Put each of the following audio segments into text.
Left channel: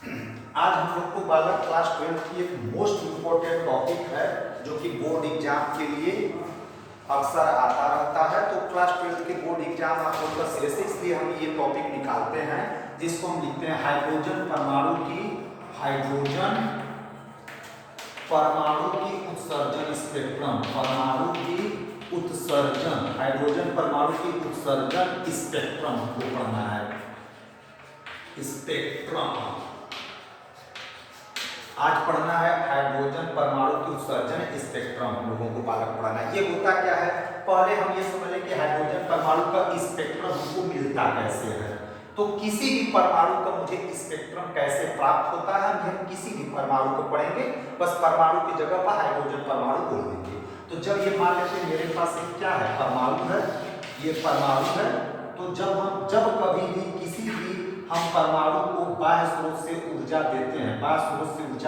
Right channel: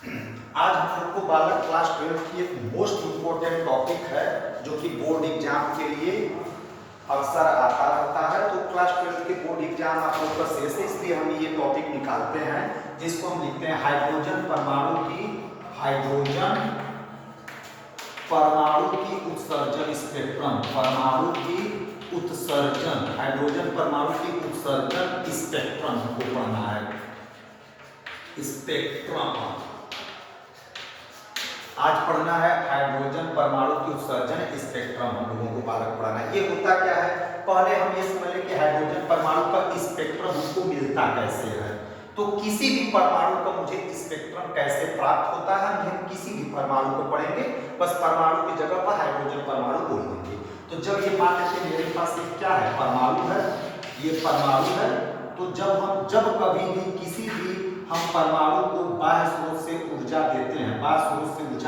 आज हम लोग को बालक क्लास 12 की एक मोस्ट इम्पोर्टेंट टॉपिक है जो कि बोर्ड एग्जाम के लिए अक्सर आता रहता है। तो क्लास 12 के बोर्ड एग्जाम आप लोग का शेष है, इसलिए हम ये टॉपिक निकालते हैं जिसको हम लिखते हैं हाइड्रोजन परमाणु की उत्सर्जन स्पेक्ट्रम। परमाणु की उत्सर्जन, हाइड्रोजन परमाणु की उत्सर्जन स्पेक्ट्रम को पढ़ना है। स्पेक्ट्रम आज पढ़ना है, हाइड्रोजन परमाणु की उत्सर्जन स्पेक्ट्रम हम लोगों को बालक पढ़ना है। ये होता क्या है, पहले हम ये समझ लें कि हाइड्रोजन परमाणु का स्पेक्ट्रम हमको मिलता कैसे है। तो किसी भी परमाणु का मुझे स्पेक्ट्रम कैसे प्राप्त होता है, हम किसी भी परमाणु को पढ़ेंगे, बस परमाणु की जगह पर हाइड्रोजन परमाणु बोल देंगे। तो जब ये मान लेते मेरे पास एक क्या है, परमाणु है, ये परमाणु है। तो जब कभी भी किसी भी हम परमाणु को बाह्य स्रोत से ऊर्जा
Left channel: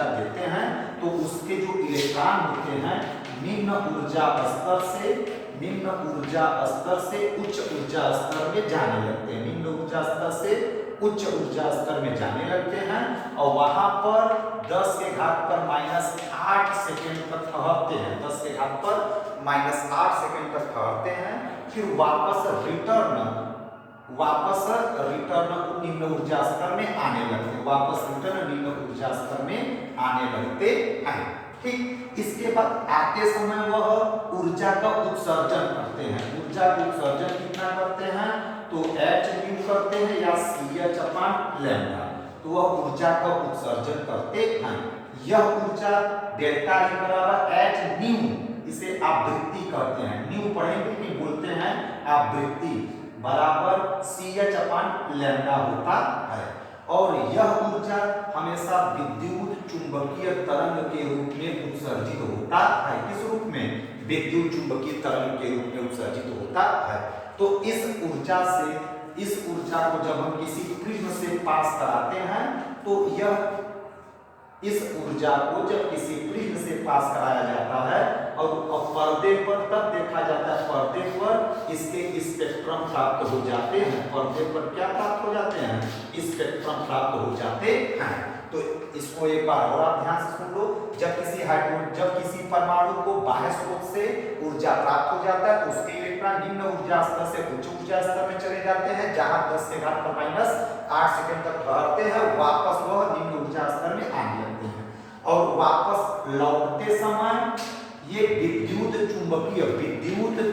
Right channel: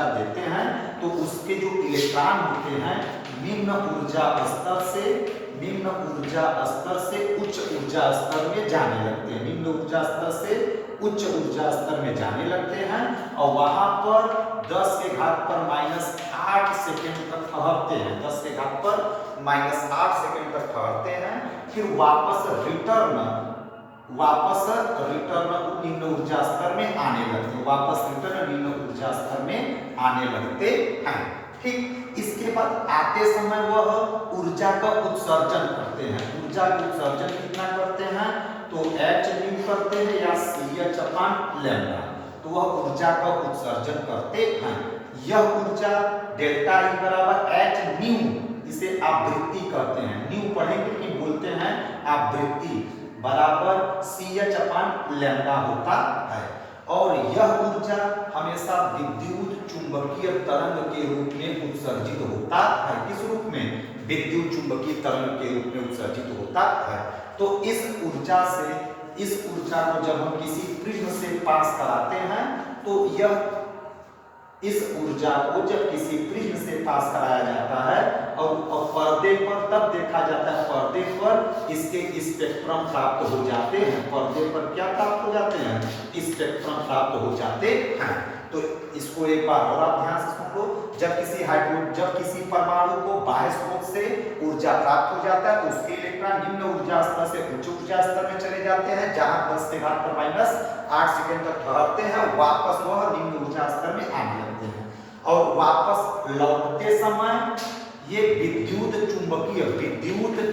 देते हैं, तो उसके जो इलेक्ट्रॉन होते हैं निम्न ऊर्जा स्तर से उच्च ऊर्जा स्तर में जाने लगते हैं। निम्न ऊर्जा स्तर से उच्च ऊर्जा स्तर में जाने लगते हैं और वहां पर 10 के घात पर -8 सेकेंड तक ठहरते हैं। 10 के घात पर -8 सेकेंड तक ठहरते हैं, फिर वापस रिटर्न निम्न ऊर्जा स्तर में आने लगते हैं। वापस रिटर्न निम्न ऊर्जा स्तर में आने लगते हैं। ठीक, इसके बाद आते समय वह ऊर्जा का उत्सर्जन करते हैं। ऊर्जा का उत्सर्जन कितना करते हैं, तो hν करते हैं या CH/λ। तो वह ऊर्जा का उत्सर्जन करते हैं। यह ऊर्जा डेल्टा E बराबर hν, इसे आवृत्ति कहते हैं। न्यू पढ़ेंगे कि बोलते हैं आवृत्ति बराबर CH/λ होता है। और यह ऊर्जा हमेशा विद्युत चुंबकीय तरंग के रूप में उत्सर्जित होता है। किस रूप में, विद्युत चुंबकीय तरंग के रूप में उत्सर्जित होता है। तो इस ऊर्जा को जब हम किसी प्रिज्म से पास कराते हैं, तो इस ऊर्जा को जब किसी प्रिज्म से पास कराया जाता है और पर्दे पर तब देखा जाता है, पर्दे पर इसके स्पेक्ट्रम प्राप्त हो जाते हैं। पर्दे पर क्या प्राप्त हो जाते हैं, स्पेक्ट्रम प्राप्त हो जाते हैं। तो इसको एक बार और आप ध्यान से सुन लो। जब किसी परमाणु को बाह्य स्रोत से ऊर्जा प्राप्त हो जाता है, तो उसके इलेक्ट्रॉन निम्न ऊर्जा स्तर से उच्च ऊर्जा स्तर में चले जाते हैं, जहां 10 के घात पर -8 सेकेंड तक ठहरते हैं। वापस वह निम्न ऊर्जा स्तर में आने लगते हैं और वापस लौटते समय ये विद्युत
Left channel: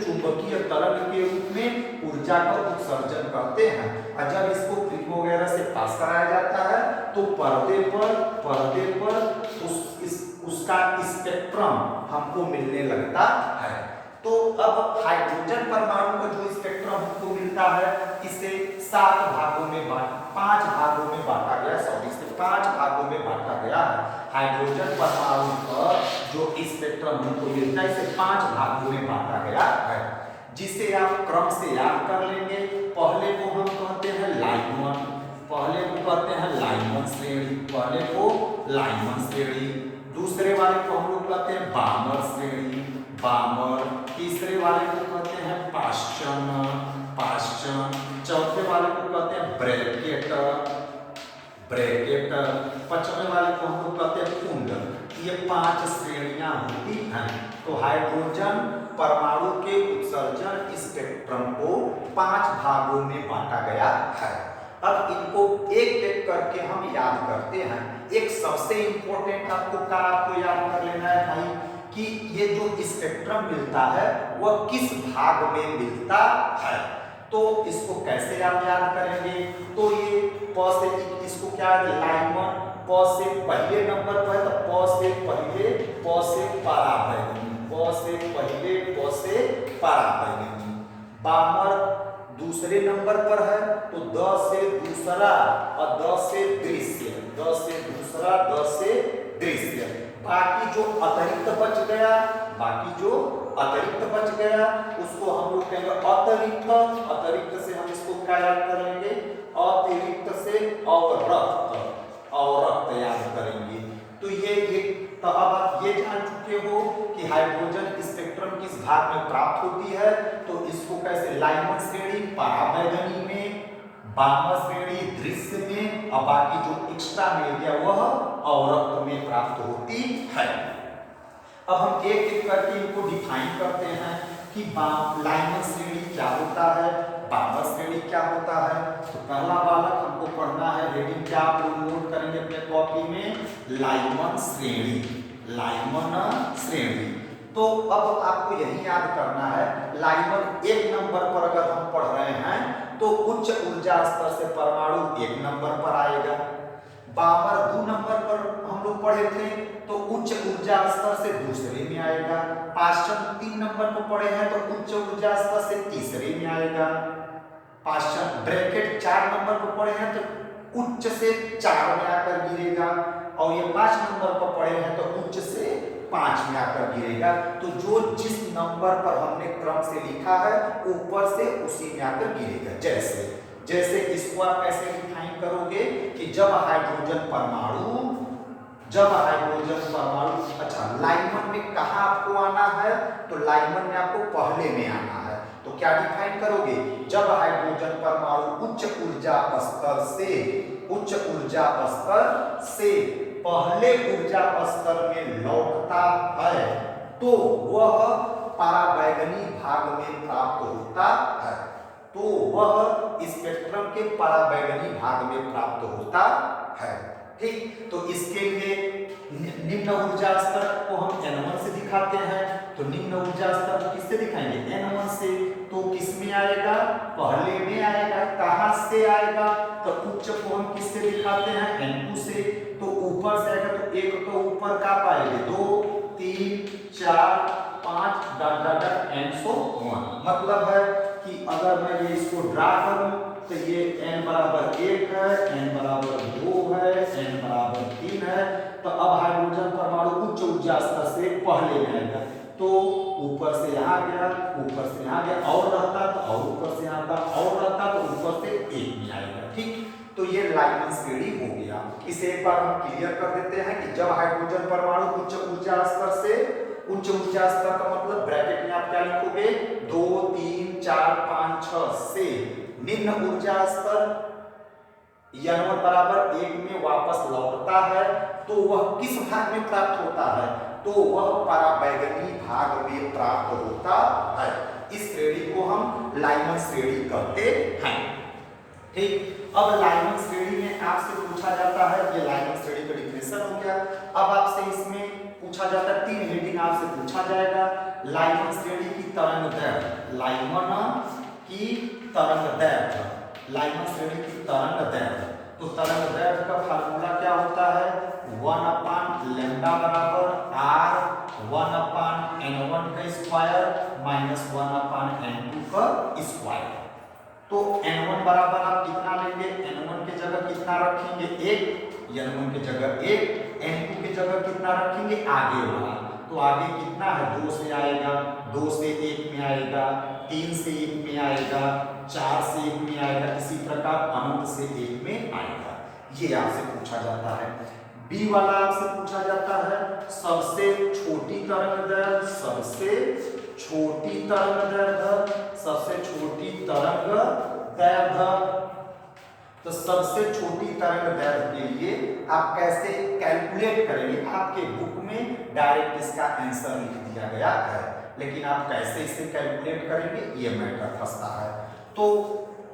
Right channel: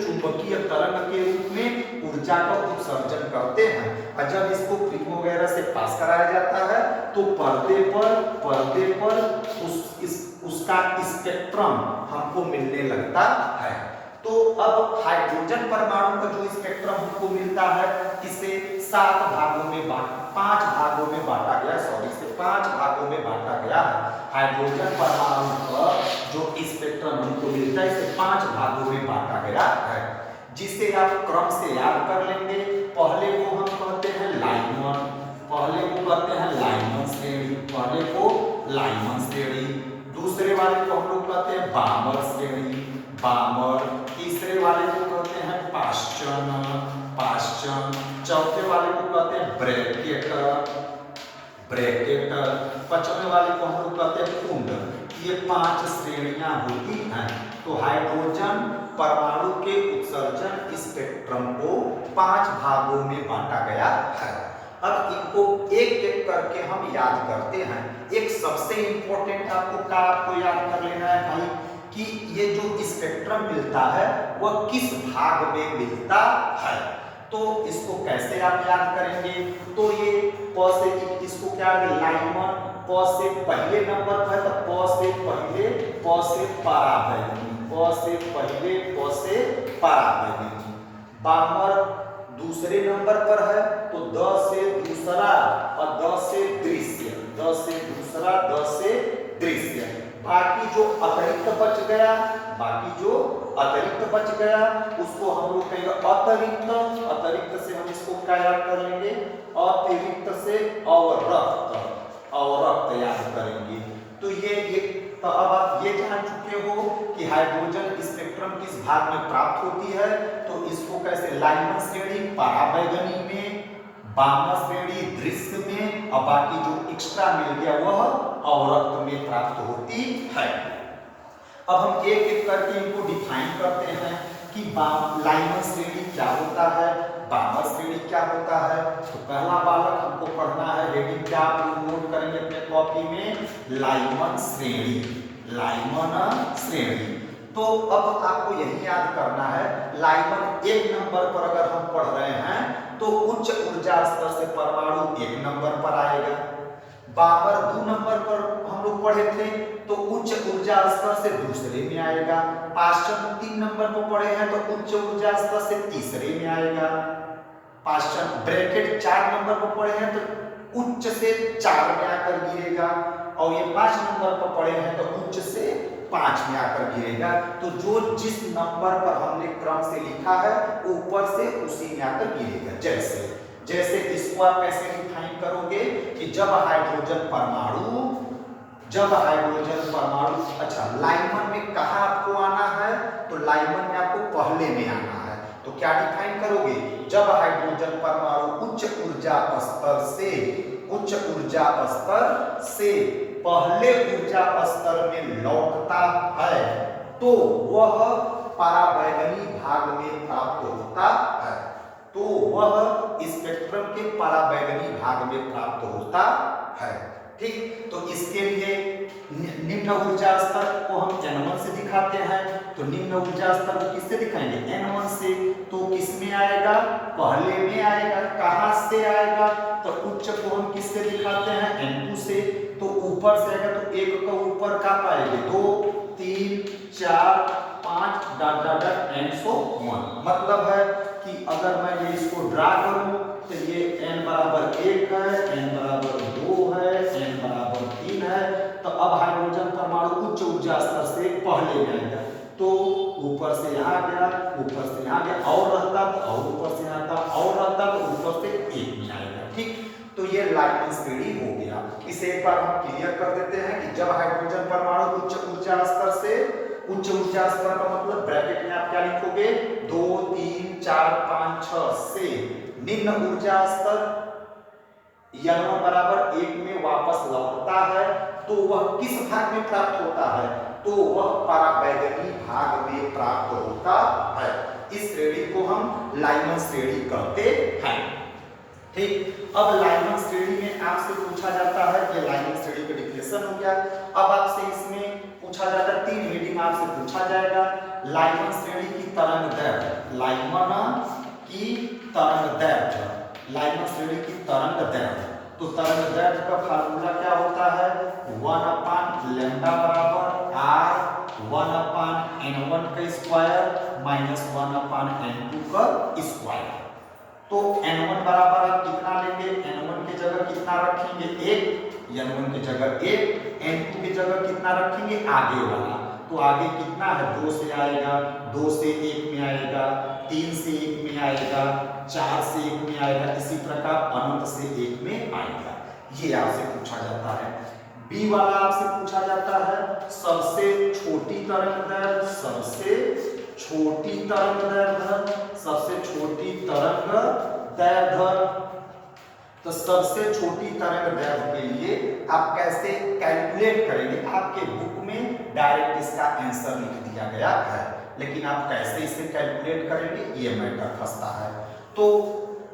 चुंबकीय तरंग के रूप में ऊर्जा का उत्सर्जन करते हैं। और जब इसको प्रिज्म वगैरह से पास कराया जाता है, तो पर्दे पर उसका स्पेक्ट्रम हमको मिलने लगता है। तो अब हाइड्रोजन परमाणु का जो स्पेक्ट्रम हमको मिलता है, इसे 5 भागों में बांटा गया है। हाइड्रोजन परमाणु का जो स्पेक्ट्रम हमको मिलता है, इसे 5 भागों में बांटा गया है, जिसे आप क्रम से याद कर लेंगे। पहले को हम कहते हैं लाइमन श्रेणी, दूसरे वाले को हम लोग कहते हैं बामर श्रेणी, तीसरे वाले को कहते हैं पाश्चन, चौथे वाले को कहते हैं ब्रैकेट, पांचवें वाले को हम लोग कहते हैं कुंड। ये 5 श्रेणियां होती हैं। तो हाइड्रोजन परमाणु के उत्सर्जन स्पेक्ट्रम को 5 भागों में बांटा गया है। अब इनको एक एक करके हम याद करते हैं। एक सबसे इंपॉर्टेंट आपको याद कर लेना है भाई, कि ये जो स्पेक्ट्रम मिलता है वह किस भाग में मिलता है। तो इसको कैसे आप याद करेंगे, तो ये इसको क्या है, लाइमन प से पहले नंबर पर, तो प से पराबैंगनी, बामर दूसरे नंबर पर है, तो द से दूसरा और द से दृश्य। बाकी जो अतिरिक्त बच गया उसको हम लोग कहेंगे अतिरिक्त से हम इसको क्या याद कर लेंगे, अतिरिक्त से अवरक्त याद करेंगे। तो अब आप ये जान चुके हो कि हाइड्रोजन स्पेक्ट्रम किस भाग में प्राप्त होती है। तो इसको कैसे, लाइमन श्रेणी, पराबैंगनी में, वामा श्रेणी दृश्य में और बाकी जो एक्स्ट्रा मिल गया वह अवरक्त में प्राप्त होती है। अब हम एक एक करके इनको डिफाइन करते हैं कि लाइमन श्रेणी क्या होता है, वामा श्रेणी क्या होता है। तो पहला बालक हमको पढ़ना है, हेडिंग क्या आप लोग नोट करेंगे अपने कॉपी में, लाइमन श्रेणी, लाइमन श्रेणी। तो अब आपको यही याद करना है, लाइमन एक नंबर पर अगर हम पढ़ रहे हैं तो उच्च ऊर्जा स्तर से परमाणु एक नंबर पर आएगा। बाबर 2 नंबर पर हम लोग पढ़े थे तो उच्च ऊर्जा स्तर से दूसरे में आएगा। पाश्चन 3 नंबर पर पढ़े हैं तो उच्च ऊर्जा स्तर से तीसरे में आएगा। पाश्चन ब्रैकेट 4 नंबर पर पढ़े हैं तो उच्च से 4 में आकर गिरेगा, और ये 5 नंबर पर पढ़े हैं तो उच्च से 5 में आकर गिरेगा। तो जो जिस नंबर पर हमने क्रम से लिखा है ऊपर से उसी में आकर गिरेगा। जैसे जैसे इसको आप कैसे डिफाइन करोगे कि जब हाइड्रोजन परमाणु, अच्छा लाइमन में कहाँ आपको आना है, तो लाइमन में आपको पहले में आना है। तो क्या डिफाइन करोगे, जब हाइड्रोजन परमाणु उच्च ऊर्जा स्तर से पहले ऊर्जा स्तर में लौटता है तो वह पराबैंगनी भाग में प्राप्त होता है, तो वह स्पेक्ट्रम के पराबैंगनी भाग में प्राप्त होता है। ठीक, तो इसके लिए निम्न ऊर्जा स्तर को हम N1 से दिखाते हैं। तो निम्न ऊर्जा स्तर को किससे दिखाएंगे, N1 से। तो किसमें आएगा, पहले में आएगा। कहां से आएगा, तो उच्च को हम किससे दिखाते हैं, N2 से। तो ऊपर से आएगा तो एक का ऊपर का पाएंगे 2 3 4 5 dot dot dot and so on. मतलब है कि अगर मैं ये इसको ड्रा करूं तो ये n बराबर 1 है, n बराबर 2 है, n बराबर 3 है। तो अब हाइड्रोजन परमाणु उच्च ऊर्जा स्तर से पहले में आएगा तो ऊपर से यहाँ गया, ऊपर से यहाँ गया, और रहता तो और ऊपर से आता, और रहता तो ऊपर से 1 में आएगा। ठीक, तो ये लाइमन श्रेणी हो गया। इसे एक बार हम क्लियर कर देते हैं कि जब हाइड्रोजन परमाणु उच्च ऊर्जा स्तर से, उच्च ऊर्जा स्तर का मतलब ब्रैकेट में आप क्या लिखोगे 2 3 4 5 6 से निम्न ऊर्जा स्तर N1 बराबर 1 में वापस लौटता है तो वह किस भाग में प्राप्त होता है, तो वह पराबैंगनी भाग में प्राप्त होता है। इस श्रेणी को हम लाइमन श्रेणी कहते हैं। ठीक, अब लाइमन श्रेणी में आपसे पूछा जाता है, ये लाइमन श्रेणी का डिफिनेशन हो गया। अब आपसे इसमें पूछा जाता है, 3 हेडिंग आपसे पूछा जाएगा। लाइमन श्रेणी की तरंग दैर्घ्य, लाइमन की तरंग दैर्घ्य, लाइमन श्रेणी की तरंग दैर्घ्य। तो तरंग दैर्घ्य का फार्मूला क्या होता है, 1/लैम्डा बराबर r 1/n1 का स्क्वायर माइनस 1/n2 का स्क्वायर। तो n1 बराबर आप कितना लेंगे, n1 की जगह कितना रखेंगे 1, n1 की जगह 1, n2 की जगह कितना रखेंगे आगे वाला। तो आगे कितना है 2 से आएगा, 2 से 1 में आएगा, 3 से 1 में आएगा, 4 से 1 में आएगा, इसी प्रकार अनंत से 1 में आएगा। ये आपसे पूछा जाता है। बी वाला आपसे पूछा जाता है सबसे छोटी तरंग दैर्घ्य, सबसे छोटी तरंग दैर्घ्य, सबसे छोटी तरंग दैर्घ्य। तो सबसे छोटी तरंग दैर्घ्य के लिए आप कैसे कैलकुलेट करेंगे, आपके बुक में डायरेक्ट इसका आंसर लिख दिया गया है, लेकिन आप कैसे इसे कैलकुलेट करेंगे ये मैटर फंसता है। तो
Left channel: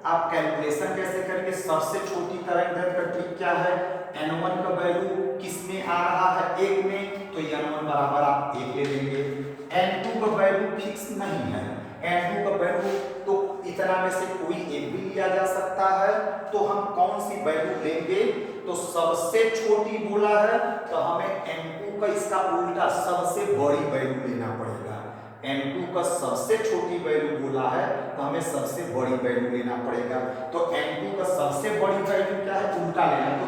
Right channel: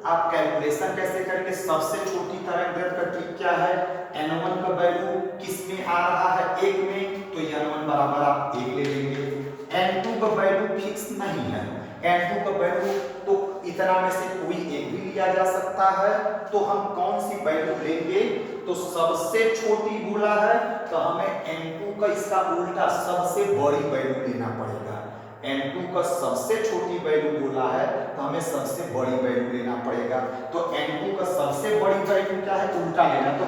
आप कैलकुलेशन कैसे करेंगे, सबसे छोटी तरंग दैर्घ्य का ट्रिक क्या है, n1 का वैल्यू किस में आ रहा है 1 में, तो n1 बराबर आप 1 ले लेंगे। n2 का वैल्यू फिक्स नहीं है, n2 का वैल्यू तो इतना में से कोई एक भी लिया जा सकता है। तो हम कौन सी वैल्यू लेंगे, तो सबसे छोटी बोला है तो हमें n2 का इसका उल्टा सबसे बड़ी वैल्यू लेना पड़ेगा। n2 का सबसे छोटी वैल्यू बोला है तो हमें सबसे बड़ी वैल्यू लेना पड़ेगा। तो n2 का सबसे बड़ी वैल्यू क्या है, उल्टा लेना, तो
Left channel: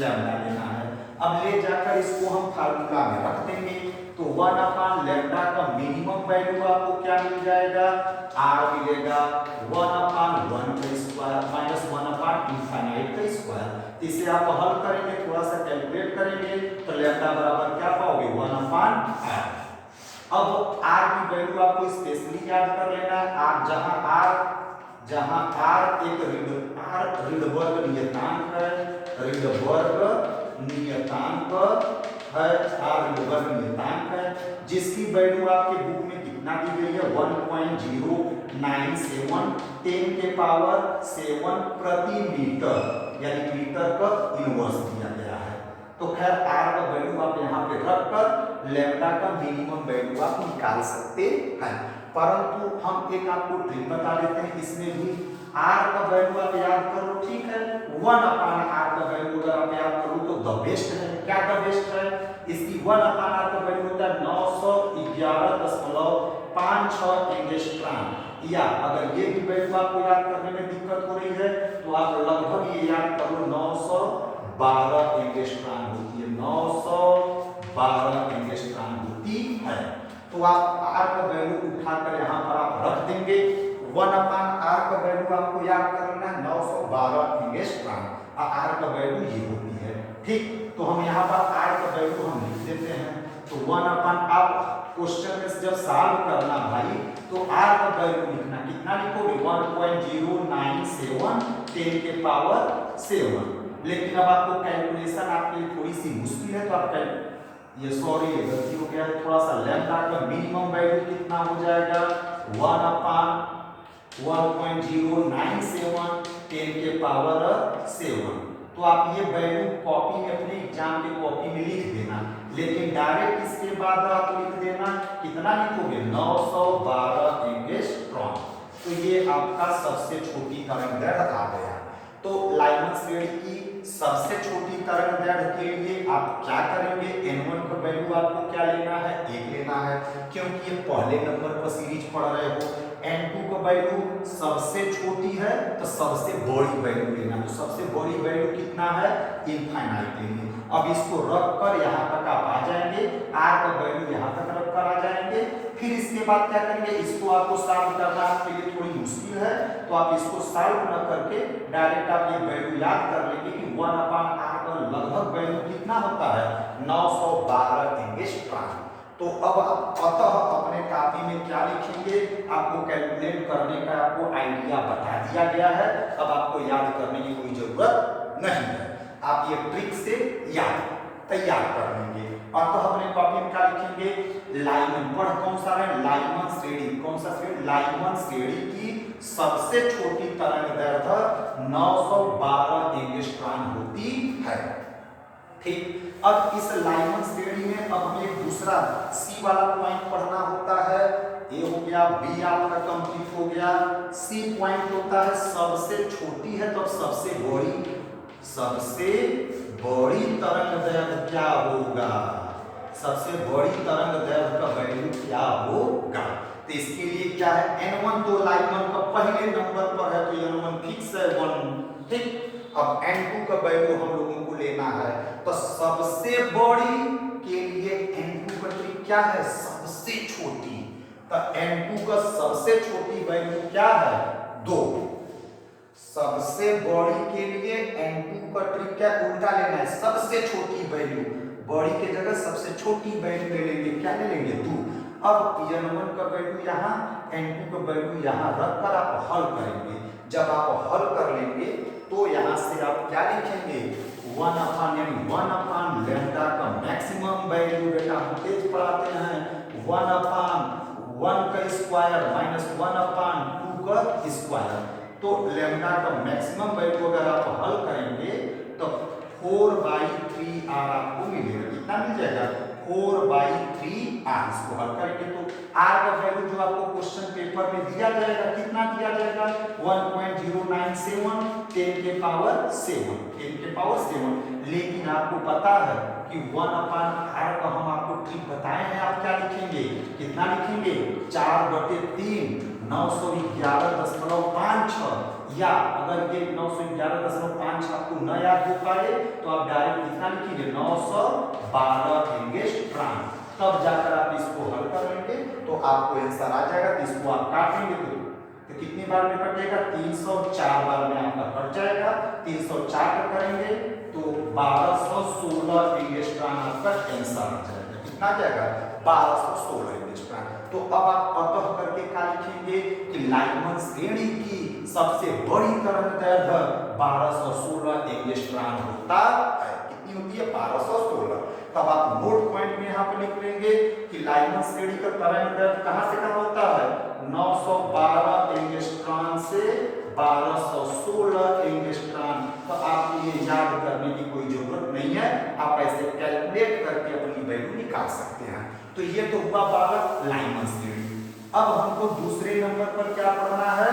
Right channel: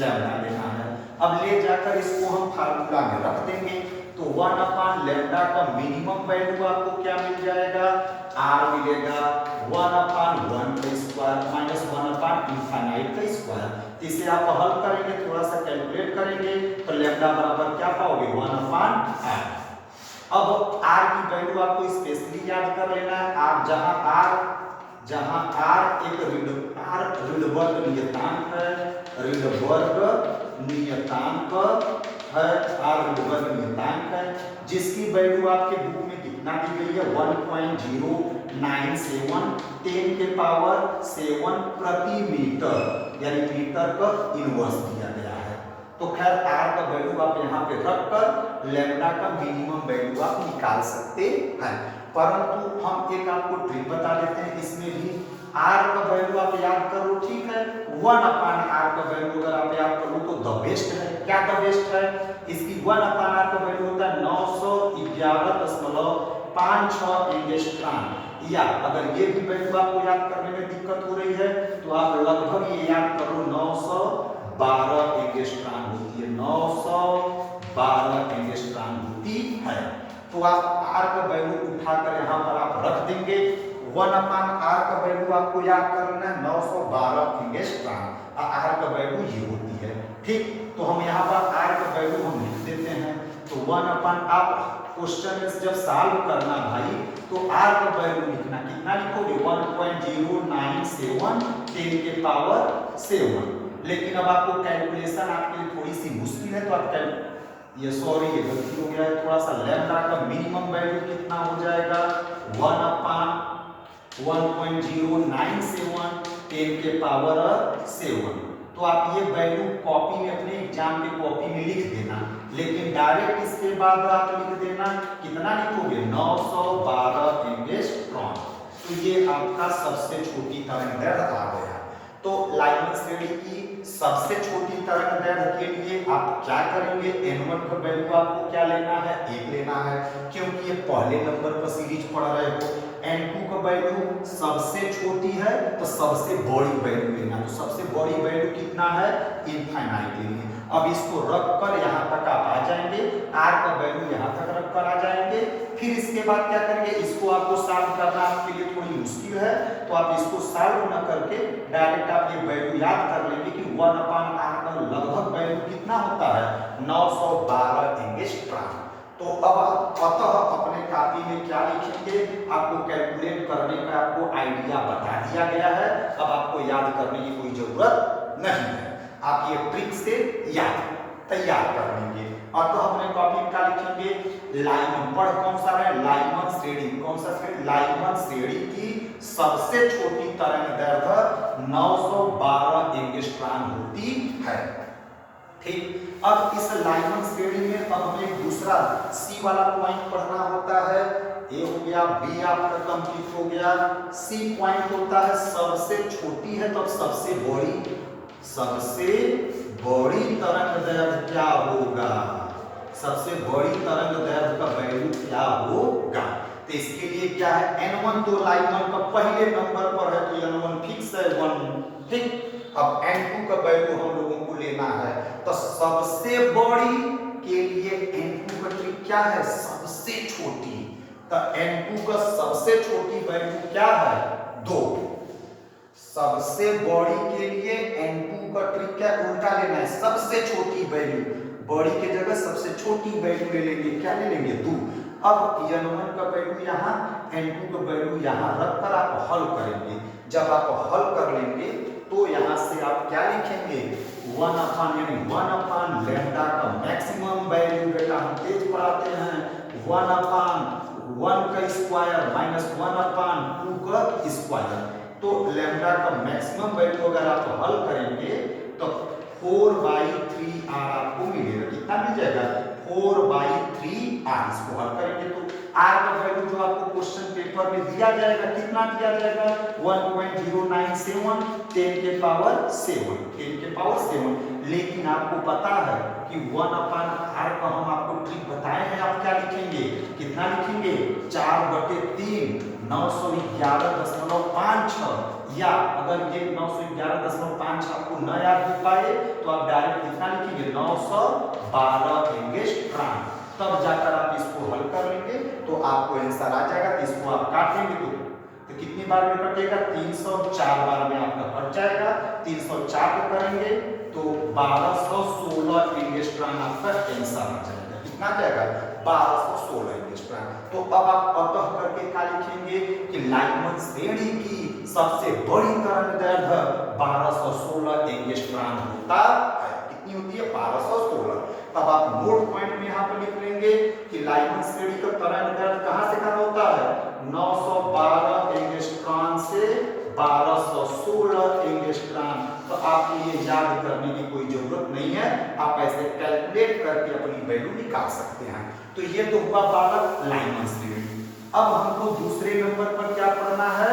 लैम्डा लेना है। अब ले जाकर इसको हम फार्मूला में रख देंगे। तो 1/लैम्डा का मिनिमम वैल्यू आपको क्या मिल जाएगा, r मिलेगा 1/1 का स्क्वायर माइनस 1/इनफाइनाइट का स्क्वायर। इसे आप हल करेंगे, थोड़ा सा कैलकुलेट करेंगे तो लैम्डा बराबर क्या पाओगे 1/r। अब r की वैल्यू आपको स्पेशली याद कर लेना है। r जहां r एक आर रिडबर्ग नियतांक है, रिडबर्ग नियतांक है, आर रिडबर्ग नियतांक है, जिसकी वैल्यू आपके बुक में कितना दी गई है 1.097 10 के पावर 7 प्रति मीटर, यानी मीटर का इनवर्स दिया गया है। तो खैर आर का वैल्यू आप यहाँ पे रखकर लैम्डा का मिनिमम वैल्यू आप निकाल सकते हैं। परंतु हम एक आपको ट्रिक बता देते हैं, इसमें भी आर का वैल्यू आप याद कर लो, ठीक है। 1/r का वैल्यू अगर आप याद करो तो द बेस्ट है। क्या द बेस्ट है? इसकी 1/r का वैल्यू होता है 911.56 एंगस्ट्रॉम। या अगर ये भी वैल्यू आपको याद करने में दिक्कत हो रही है तो आप लगभग ये याद करो 912 एंगस्ट्रॉम होती है, 912 एंगस्ट्रॉम होती है। तो आप आर का वैल्यू उठाकर यहाँ पर आप रख देंगे। 1/r का वैल्यू आपको याद करना है 912 एंगस्ट्रॉम, आर का वैल्यू ये होती है, ठीक। तो हम यहाँ पर आर का वैल्यू हम लिख देते हैं। तो 1/, आप क्वेश्चन में जब सॉल्व करना भाई तो आर का वैल्यू लिखना, कितना लिखोगे 1.097 10 के पावर 7। लेकिन अब आपको कैलकुलेशन आपके लिए थोड़ी सी मुश्किल है, तो आप ये सॉरी ये गलती हो गया थोड़ा सा। लैम्डा का मिनिमम वैल्यू कितना हो जाएगा 1/1.097 10 के पावर 7। तो आप ये वैल्यू कॉपी में अपने एग्जाम के कॉपी में लिख देना, लेकिन डायरेक्ट इसके बाद आप लिख देना, कितना लिखोगे 912 एंगस्ट्रॉम। तो ये आपका सबसे छोटी तरंगदैर्घ्य आ गया। तो लाइमन श्रेणी की सबसे छोटी तरंगदैर्घ्य के लिए आप क्या करेंगे, n1 का वैल्यू आपको क्या लेना है 1 लेना है, क्योंकि ये पहले नंबर पर सीरीज पढ़ रहे हो। n2 का वैल्यू सबसे छोटी है तो सबसे बड़ी वैल्यू लेना, तो सबसे बड़ी वैल्यू कितना है इनफाइनाइट लेंगे। अब इसको रखकर यहाँ तक आप आ जाएंगे, r का वैल्यू यहाँ तक रखकर आ जाएंगे। फिर इसके बाद क्या करेंगे, इसको आपको सॉल्व करना आपके लिए थोड़ी मुश्किल है, तो आप इसको सॉल्व न करके डायरेक्ट आप ये वैल्यू याद कर लेंगे कि 1/r का लगभग वैल्यू कितना होता है 912 एंगस्ट्रॉम। तो अब आप अतः अपने कॉपी में क्या लिखेंगे, आपको कैलकुलेट करने का आपको आइडिया बता दिया गया है, अब आपको याद करने की कोई जरूरत नहीं है, आप ये ट्रिक से याद तैयार कर लेंगे। अतः अपने कॉपी में क्या लिखेंगे, लाइमन पर कौन सा है लाइमन श्रेणी, कौन सा श्रेणी लाइमन श्रेणी की सबसे छोटी तरंगदैर्घ्य 912 एंगस्ट्रॉम होती है, ठीक। अब इस लाइमन श्रेणी में अब हमें एक दूसरा सी वाला पॉइंट पढ़ना होता है। ए हो गया, बी आपका कंप्लीट हो गया, सी पॉइंट होता है सबसे छोटी है तो सबसे बड़ी तरंगदैर्घ्य क्या होगा, सबसे बड़ी तरंगदैर्घ्य का वैल्यू क्या होगा। तो इसके लिए क्या है n1 तो लाइमन का पहले नंबर पर है तो n1 फिक्स है 1, ठीक। अब n2 का वैल्यू हम लोगों को लेना है, तो सबसे बड़ी के लिए n2 का ट्रिक क्या है सबसे छोटी, तो n2 का सबसे छोटी वैल्यू क्या है 2। सबसे बड़ी के लिए n2 का ट्रिक क्या उल्टा लेना है, सबसे छोटी वैल्यू, बड़ी के जगह सबसे छोटी वैल्यू ले लेंगे, क्या ले लेंगे 2। अब n1 का वैल्यू यहाँ n2 का वैल्यू यहाँ रखकर आप हल करेंगे। जब आप हल कर लेंगे तो यहाँ से आप क्या लिखेंगे 1/, यानी 1/, लैम्डा का मैक्सिमम वैल्यू, बेटा हम तेज पढ़ाते हैं, 1/1 का स्क्वायर माइनस 1/2 का स्क्वायर। तो लैम्डा का मैक्सिमम वैल्यू अगर आप हल करेंगे तो 4/3r आपको मिलेगा, कितना मिल जाएगा 4/3r। इसको हल करेंगे तो r का वैल्यू जो आपको क्वेश्चन पेपर में दिया जाएगा कितना दिया जाएगा 1.097 10 के पावर 7। लेकिन आपको पता है कि 1/r का हम आपको ट्रिक बताए हैं, आप क्या लिखेंगे, कितना लिखेंगे 4/3 911.56, या अगर ये 911.56 आपको न याद हो पाए तो आप डायरेक्ट कितना लिखेंगे 912 एंगस्ट्रॉम। तब जाकर आप इसको हल कर लेंगे तो आपको आंसर आ जाएगा। तो इसको आप काटेंगे तो कितनी बार में कटेगा 304 बार में आपका कट जाएगा। 304 करेंगे तो 1216 एंगस्ट्रॉम आपका आंसर आ जाएगा। कितना जाएगा 1216 एंगस्ट्रॉम। तो अब आप अतः करके क्या लिखेंगे कि लाइमन श्रेणी की सबसे बड़ी तरंगदैर्घ्य 1216 एंगस्ट्रॉम होता है। कितनी होती है 1216। तब आप नोट पॉइंट में यहाँ पर लिख लेंगे कि लाइमन श्रेणी का तरंगदैर्घ्य कहाँ से कहाँ होता है 912 एंगस्ट्रॉम से 1216 एंगस्ट्रॉम। तो आपको ये याद करने की कोई जरूरत नहीं है, आप ऐसे कैलकुलेट करके अपनी वैल्यू निकाल सकते हैं। तो ये तो हुआ बालक लाइमन श्रेणी। अब हमको दूसरे नंबर पर क्या पढ़ना है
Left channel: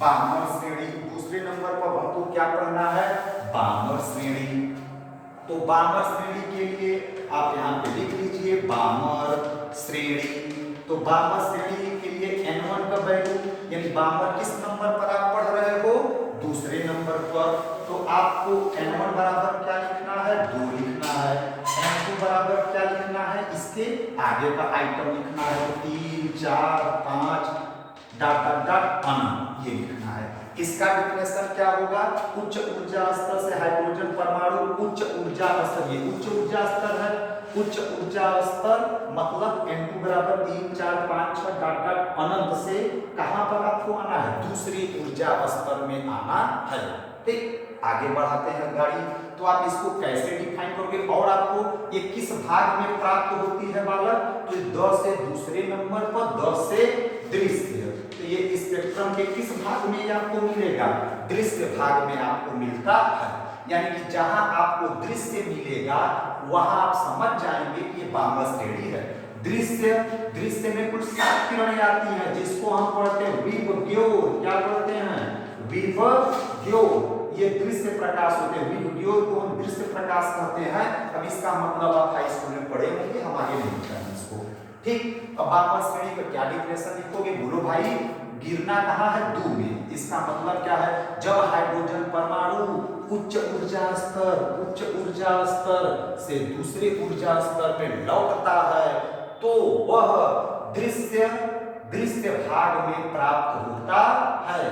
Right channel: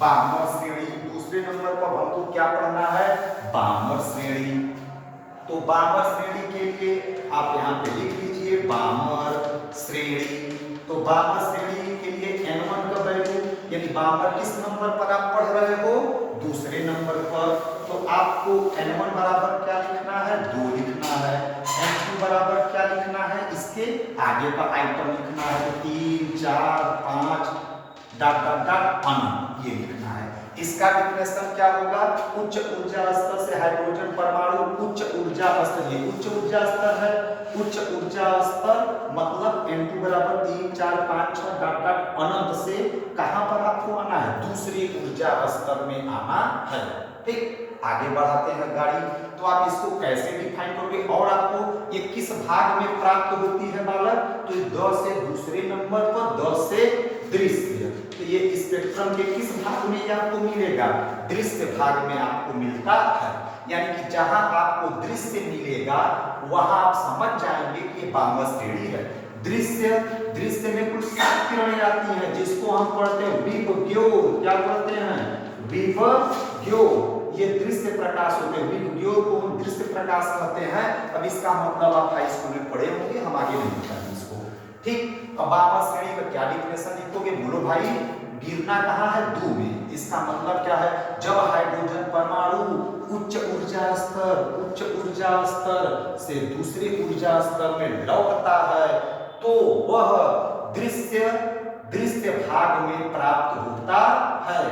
बामर श्रेणी। दूसरे नंबर पर हमको क्या पढ़ना है बामर श्रेणी। तो बामर श्रेणी के लिए आप यहाँ पे लिख लीजिए बामर श्रेणी। तो बामर श्रेणी के लिए n1 का वैल्यू यानी बामर किस नंबर पर आप पढ़ रहे हो दूसरे नंबर पर। तो आपको n1 बराबर क्या लिखना है 2 लिखना है, n2 बराबर क्या लिखना है इसके आगे का आइटम लिखना है 3 4 5 डॉट डॉट डॉट अनंत ये लिखना है। इसका डिफिनेशन क्या होगा उच्च ऊर्जा स्तर से हाइड्रोजन परमाणु उच्च ऊर्जा स्तर, ये उच्च ऊर्जा स्तर है। उच्च ऊर्जा स्तर मतलब n2 बराबर 3 4 5 6 डॉट डॉट अनंत से कहां पर आपको आना है दूसरी ऊर्जा स्तर में आना है। ठीक आगे बढ़ाते हैं गाड़ी। तो आप इसको कैसे डिफाइन करोगे और आपको ये किस भाग में प्राप्त होती है बालक तो द से दूसरे नंबर पर द से दृश्य। तो ये स्पेक्ट्रम के किस भाग में ये आपको मिलेगा दृश्य भाग में आपको मिलता है। यानी कि जहां आपको दृश्य मिलेगा वहां आप समझ जाएंगे कि ये बामर श्रेणी है। दृश्य दृश्य में कुछ 7 किरणें आती हैं जिसको हम पढ़ते हैं विपग्योर। क्या पढ़ते हैं विपग्योर। ये दृश्य प्रकाश होते हैं विपग्योर को हम दृश्य प्रकाश कहते हैं। अब इसका मतलब आप हाई स्कूल में पढ़े होंगे, हम आगे नहीं पढ़ेंगे इसको। ठीक अब बामर श्रेणी का क्या डिफिनेशन लिखोगे बोलो भाई गिरना कहाँ है 2 में। इसका मतलब क्या है जब हाइड्रोजन परमाणु उच्च ऊर्जा स्तर से दूसरे ऊर्जा स्तर में लौटता है तो वह दृश्य भाग में प्राप्त होता है।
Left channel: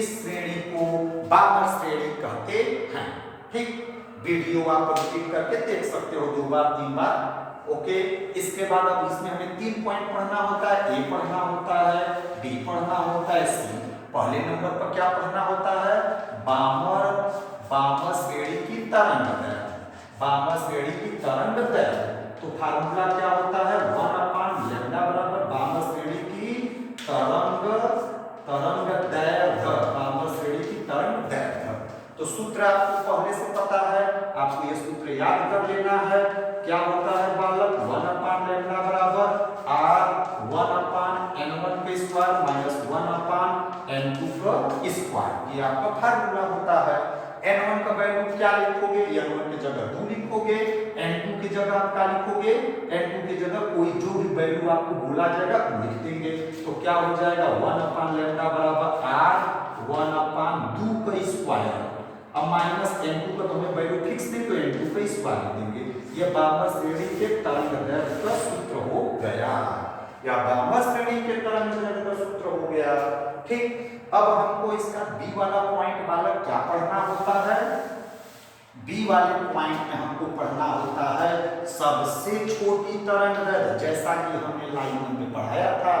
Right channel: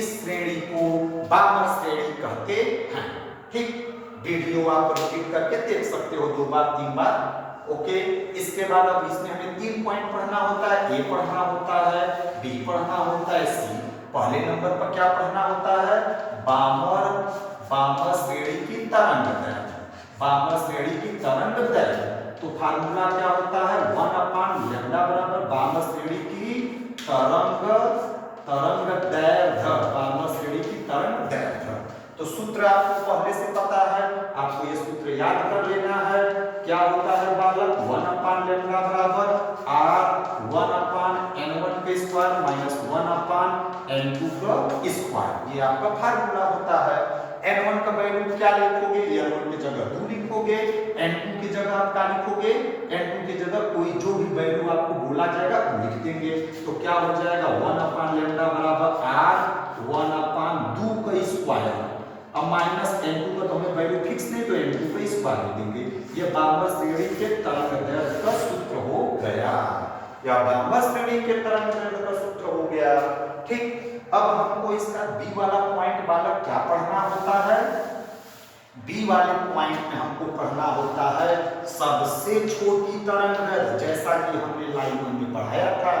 इस श्रेणी को बामर श्रेणी कहते हैं। ठीक वीडियो आप रिपीट करके देख सकते हो 2 बार 3 बार। ओके इसके बाद अब इसमें हमें 3 पॉइंट पढ़ना होता है, ए पढ़ना होता है, बी पढ़ना होता है, सी। पहले नंबर पर क्या पढ़ना होता है बामर श्रेणी की तरंगदैर्घ्य। बामर श्रेणी की तरंगदैर्घ्य तो फार्मूला क्या होता है 1/λ बराबर बामर श्रेणी की तरंगदैर्घ्य। बामर श्रेणी की तरंगदैर्घ्य तो सूत्र आपको पहले से पता है, आपको ये सूत्र याद कर लेना है। क्या होता है बालक 1/λ बराबर r1/n1 का स्क्वायर माइनस 1/n2 का स्क्वायर। ये आपका फार्मूला होता है। n1 का वैल्यू क्या लिखोगे n1 की जगह 2 लिखोगे, n2 की जगह आप क्या लिखोगे n2 की जगह कोई जो भी वैल्यू आपको बोला जाएगा वो लिख देंगे। तो क्या हो जाएगा 1/λ बराबर r1/2 का स्क्वायर। अब माइनस n2 का तो हमें वैल्यू फिक्स नहीं तो n2 का स्क्वायर देंगे। ये बामर श्रेणी के तरंगदैर्घ्य का सूत्र हो गया, या बामर श्रेणी के तरंगदैर्घ्य का सूत्र हो गया। ठीक अब हमको इसका बी वाला पॉइंट बालक क्या पढ़ना होता है बी वाले पॉइंट में हमको पढ़ना होता है सबसे छोटी तरंगदैर्घ्य। जैसा कि हमने लाइमन में पढ़ाया था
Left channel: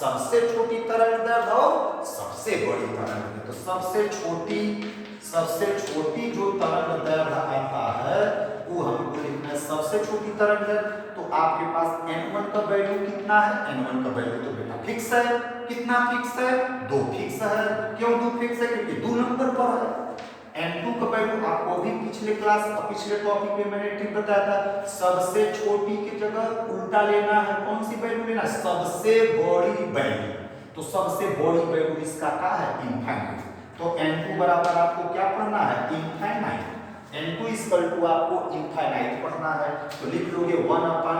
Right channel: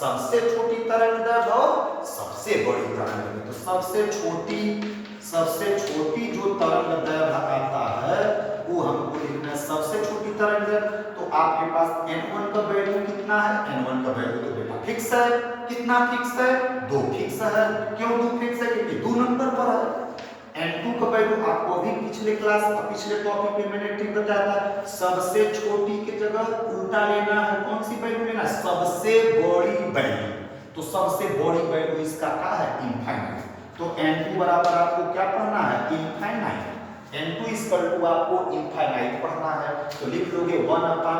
सबसे छोटी तरंगदैर्घ्य और सबसे बड़ी तरंगदैर्घ्य। तो सबसे छोटी जो तरंगदैर्घ्य आता है वो हमको लिखना है सबसे छोटी तरंगदैर्घ्य। तो आपके पास n1 का वैल्यू कितना है n1 का वैल्यू तो बेटा फिक्स है। कितना फिक्स है 2 फिक्स है। क्यों 2 फिक्स है क्योंकि 2 नंबर पर है। n2 का वैल्यू आपको अभी पिछले टॉपिक में मैंने ट्रिक बताया था सबसे छोटी की जगह उल्टा लेना है। कौन सी वैल्यू लेना सबसे बड़ी वैल्यू। तो सबसे बड़ी वैल्यू इसका क्या है इनफाइनाइट। तो n2 बराबर आपको क्या पढ़ना है इनफाइनाइट। n2 इक्वल टू आपको इनफाइनाइट पढ़ना है। तो लिख लोगे 1/λ का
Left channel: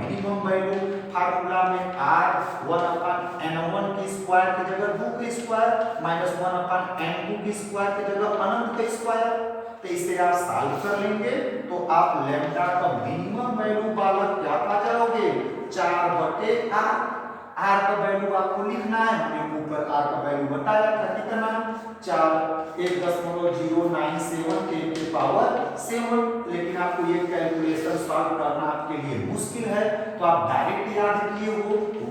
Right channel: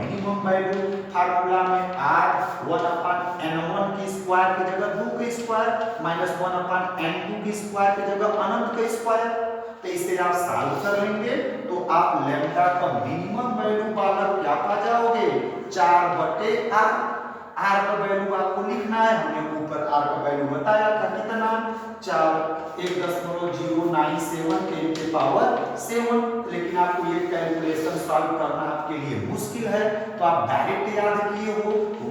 मिनिमम वैल्यू फार्मूला में r 1/n1 की स्क्वायर की जगह 2 का स्क्वायर माइनस 1/n2 की स्क्वायर की जगह अनंत का स्क्वायर। तो इसे आप सॉल्व कर लेंगे तो आप लैम्डा का मिनिमम वैल्यू बालक क्या पा जाओगे 4/r। आर का वैल्यू आपको लिखना है, हमने ऊपर आर का वैल्यू बताया था कितना 1.0997 10 के पावर 7, लेकिन आपको ये कैलकुलेशन सॉल्व करना आपके लिए मुश्किल है तो आप डायरेक्ट याद किए हो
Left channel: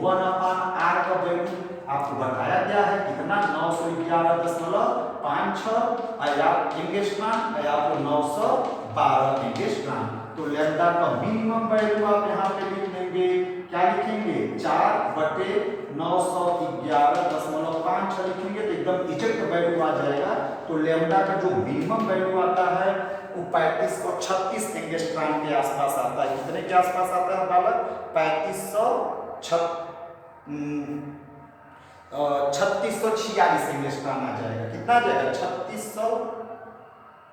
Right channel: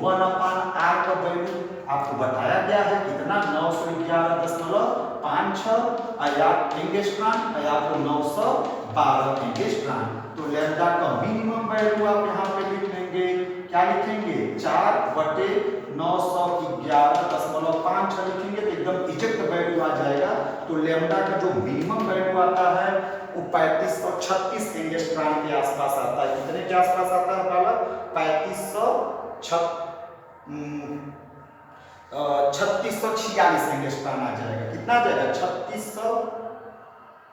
1/r का वैल्यू आपको बताया गया है कितना 911.56 एंगस्ट्रॉम या आपको 912 एंगस्ट्रॉम। तो लैम्डा का मिनिमम वैल्यू आप यहाँ पे लिख लेंगे, क्या लिखेंगे 4/911.56 लिखेंगे तो एकदम एग्जैक्ट वैल्यू आ जाएगा। तो लैम्डा का जो मिनिमम वैल्यू आता है वो 3536 एंगस्ट्रॉम के आसपास आता है। कितने के आसपास आता है बालक? 3646 एंगस्ट्रॉम आ जाएगा। कितना आ जाएगा?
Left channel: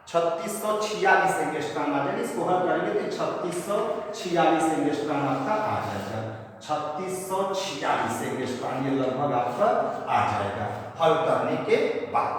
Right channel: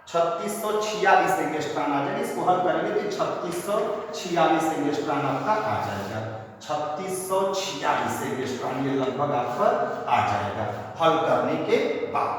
3646 एंगस्ट्रॉम आ जाएगा। इसको हल करेंगे तो 3646 एंगस्ट्रॉम आपका आ जाएगा। 3646 एंगस्ट्रॉम ये लगभग आपका आ जाएगा हल करने के बाद।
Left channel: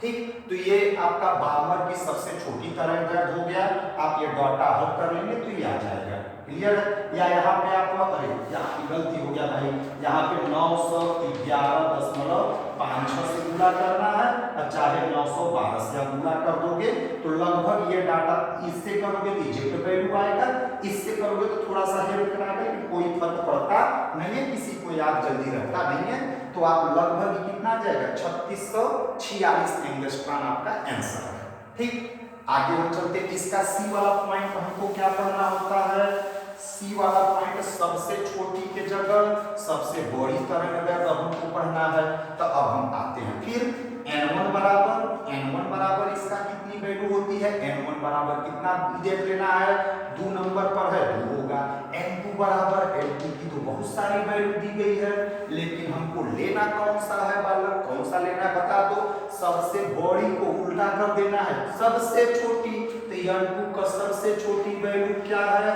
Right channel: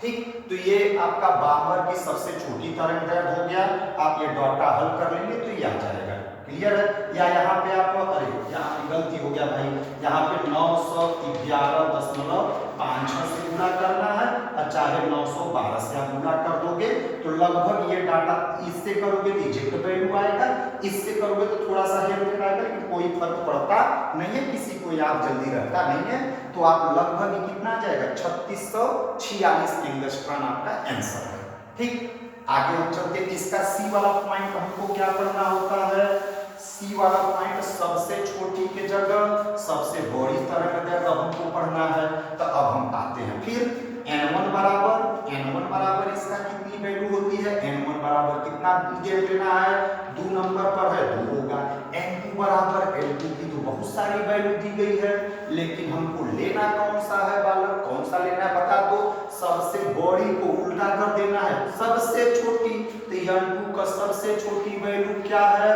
ठीक, तो ये आपका बार्मर की सबसे छोटी तरंगदैर्घ्य हो गया। आप ये डाटा हल कर लेंगे तो ये आ जाएगा। क्लियर है? या यहाँ पे आप अरे यहाँ पे गलती हो गया भाई, यहाँ पे 911.56 से गुणा करना है और चाहे 912 से आप गुणा कर दोगे तो लगभग ये डाटा इससे करोगे तो इजिप्ट वैल्यू आएगा, इससे करोगे तो थोड़ा सा हेरफेर आएगा, लेकिन कोई फर्क पड़ता नहीं है, किसी को याद जल्दी रहता नहीं है। तो आप लगभग कितना जाएगा 3646 एंगस्ट्रॉम आपका आंसर है। ठीक, आगे हम चलते। इसका सी वाला पॉइंट हमको क्या पढ़ना होता है? सी वाला पॉइंट सबसे छोटी के जगह सबसे बड़ी तरंगदैर्घ्य हमको पढ़ना है। तो अब हम आते हैं फिर n1 बराबर इसका कितनी वैल्यू होती है? n1 बराबर कितना दे देना है? 2 नंबर पर है 2 होगा। n2 बराबर n2 की तो बहुत सारी वैल्यू दी गई है, लेकिन हमको लेना कौन सा है बालक? कौन सा लेना है बता दो। सबसे बड़ी को उल्टा कर देना है सबसे छोटी। तो n2 का सबसे छोटी वैल्यू क्या है?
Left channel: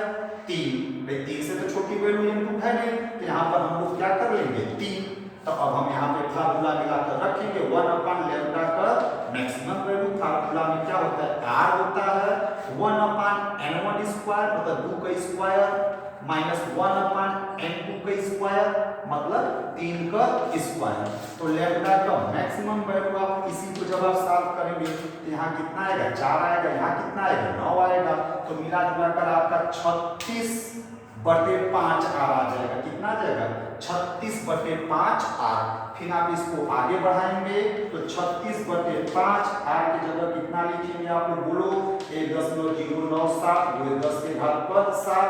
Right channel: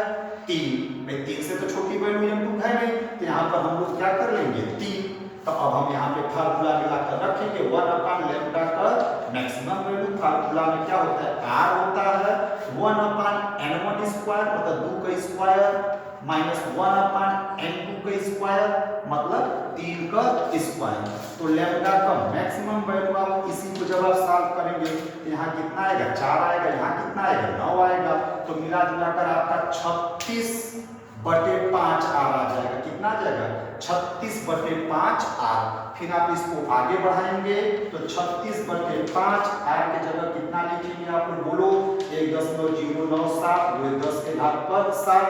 3। भाई 3 से तो छोटी वैल्यू n2 है नहीं, तो यहाँ पर हम लोग क्या कर लेंगे 3। तो अब हम यहाँ पे फार्मूला लगाकर रखेंगे 1/λ का मैक्सिमम वैल्यू। फार्मूला में क्या होता है? r होता है 1/n1 स्क्वायर मतलब 2 का स्क्वायर माइनस 1/n2 का स्क्वायर मतलब 3 का स्क्वायर। तो लैम्डा का मैक्सिमम वैल्यू आप इसी को जब आप सॉल्व करेंगे तो यहाँ कितना आएगा? 4 आएगा, यहाँ कितना आएगा? 9 आएगा। तो मिला जुलाकर आपका 36/5 r आ जाएगा। कितना आ जाएगा? 36/5 r। फिर आप इसको आगे बढ़ाएंगे तो 36/5 r की जगह कितना लिखेंगे आप लोग बोलो? 1.097 वो 10 के घात पर 7।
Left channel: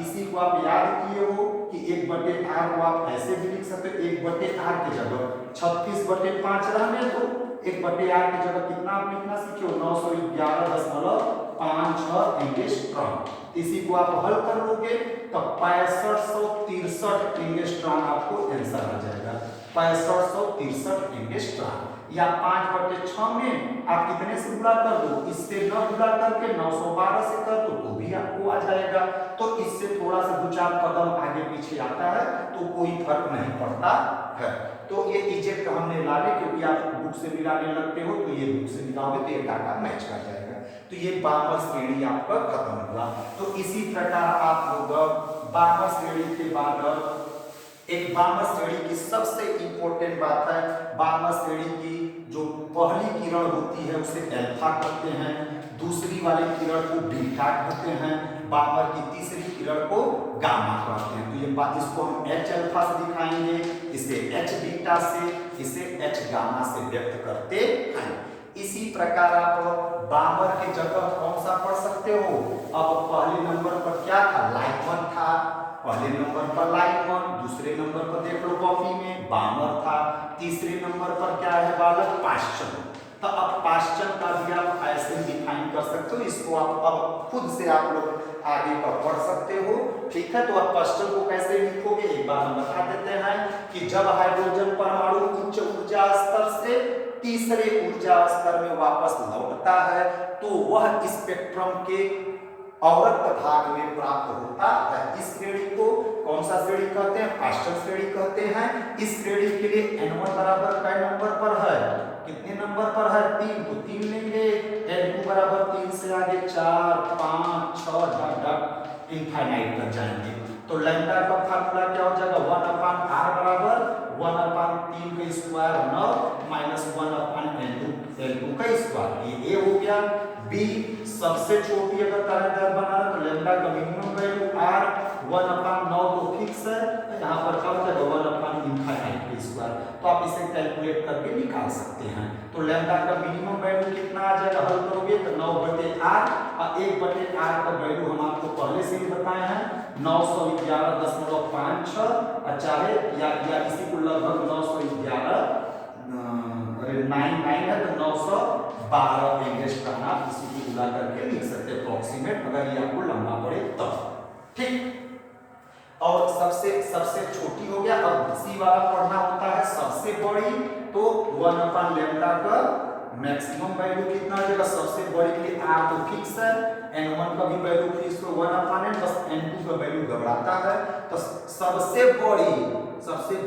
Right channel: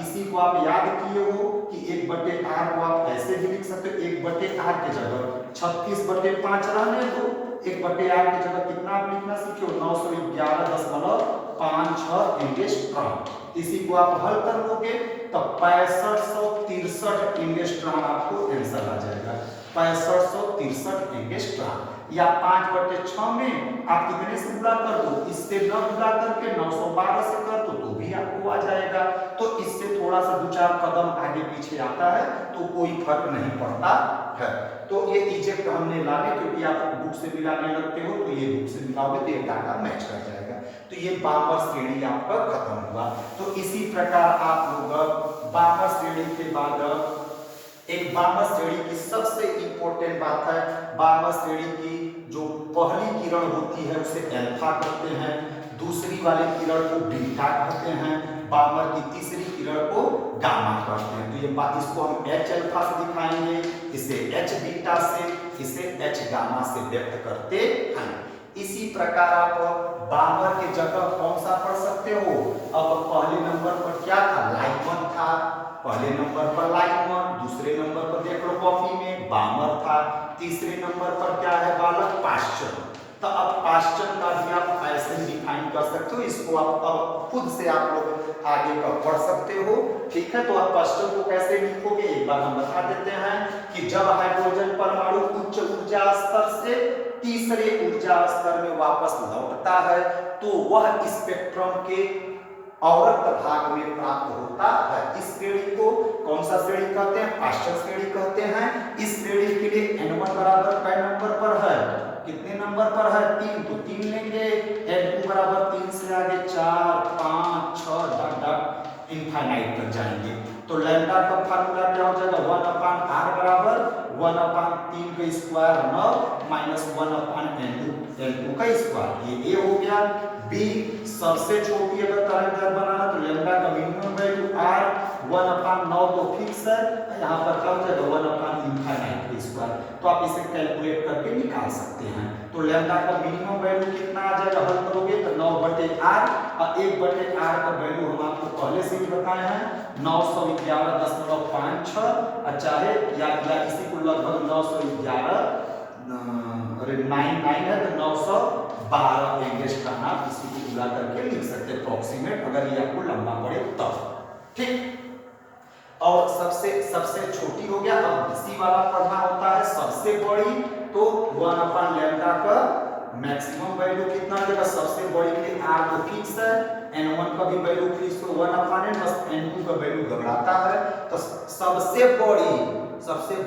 इसी को आप याद किए हो कि 1/r को आप ऐसे भी लिख सकते हो 1/r की जगह 36/5 रहने दो। 1/r की जगह कितना आप लिखना सीखे हो? 911.56 एंगस्ट्रॉम। इसी को आप हल कर लोगे तो 6563 एंगस्ट्रॉम आपको आंसर आ जाएगा। 6563 एंगस्ट्रॉम या 5/6 में आप कितने से गुणा कर दो? इससे न गुणा करके 912 से कर दो तो भी आपको आ जाएगा। तो इससे थोड़ा सा 2-4 कदम आगे पीछे आता है तो कोई फर्क नहीं पड़ता है। तो ये इजेक्ट हमने लाने क्योंकि आप बुक से मिलाने लगते हो तो ये बुक से मिलाओगे तो ये डाटा मैच कर जाएगा। तो ये बार्मर श्रेणी आपका खत्म हुआ। तो इसी प्रकार आप लोग बार्मर श्रेणी के बाद एक बार्मर श्रेणी की सबसे इंपॉर्टेंट बात है, बार्मर श्रेणी की जो पहली किरण होती है उसे अल्फा कहते हैं, दूसरी वाली किरण को बीटा कहते हैं, बार्मर की तीसरी किरण को गामा कहते हैं। तो ये बात इसको हम H अल्फा से दिखाएंगे, इसे H बीटा से, इसे H गामा से व्यक्त करते हैं। इसी प्रकार आप बार्मर की जगह कौन सा पढ़ सकते हो? अब पहले नंबर पर क्या था? लाइट 1 था। पहले नंबर पर लाइट 1, दूसरे नंबर पर देख लो कॉपी में बार्मर था, तीसरे नंबर पर क्या है बालक? पाश्चन। तो अब पाश्चन का भी आप ऐसे डिफाइन कर सकते हो। इसको आप अब खुद से आप लोग आगे का पढ़ सकते हो। ठीक है, तो आप पाश्चन को कैसे लिखोगे एक बार हम बता देते हैं कि जब हाइड्रोजन परमाणु उच्च ऊर्जा स्तर से तीसरे ऊर्जा स्तर में वापस लौटता है तो वह स्पेक्ट्रम के अवरक्त भाग में प्राप्त होता है। इस श्रेणी को कौन सा श्रेणी कहते हैं? पाश्चन श्रेणी कहते हैं। इस श्रेणी के लिए n1 बराबर कै नंबर पर है? कितने नंबर पर है? 3, तो 3 लेंगे। n2 बराबर 3 से आगे 4, 5, 6 डट इनफाइनाइट तक जाएंगे। तो लैम्डा का फार्मूला क्या हो जाएगा 1/r बराबर 1/3 का स्क्वायर 9 माइनस 1/n2 का स्क्वायर। ये हो गया। बी सबसे छोटी अगर तरंग बनाना तो लैम्डा का मिनिमम वैल्यू r 1/9 तो फिक्स है, यहाँ पर क्या हो जाएगा 1/∞ का स्क्वायर। तो आप इसे कैलकुलेट करके निकाल सकते हैं। तो लैम्डा का मिनिमम वैल्यू कितना आ जाएगा, हल करोगे तो 9/r और 1/r का वैल्यू हम आपको पहले से ही बताए हैं 911.56 और चाहे या इसी को लगभग 911 अरे 99 है तो 912 एंगस्ट्रॉम आप इसी को मिला करके लिख सकते हैं अप्रोक्सीमेट, अगर ये आपको लंबा पड़े तब। ठीक। और सबसे छोटी हो गया। अब सी वाला पढ़ना होता है सबसे बड़ी, तो 1/λ का मैक्सिमम वैल्यू कितना देगा, सबसे बड़ी के लिए r तो फिक्स है, n1 का भी वैल्यू फिक्स तो 1/n, बस n2 का वैल्यू घबराता है। तो सबसे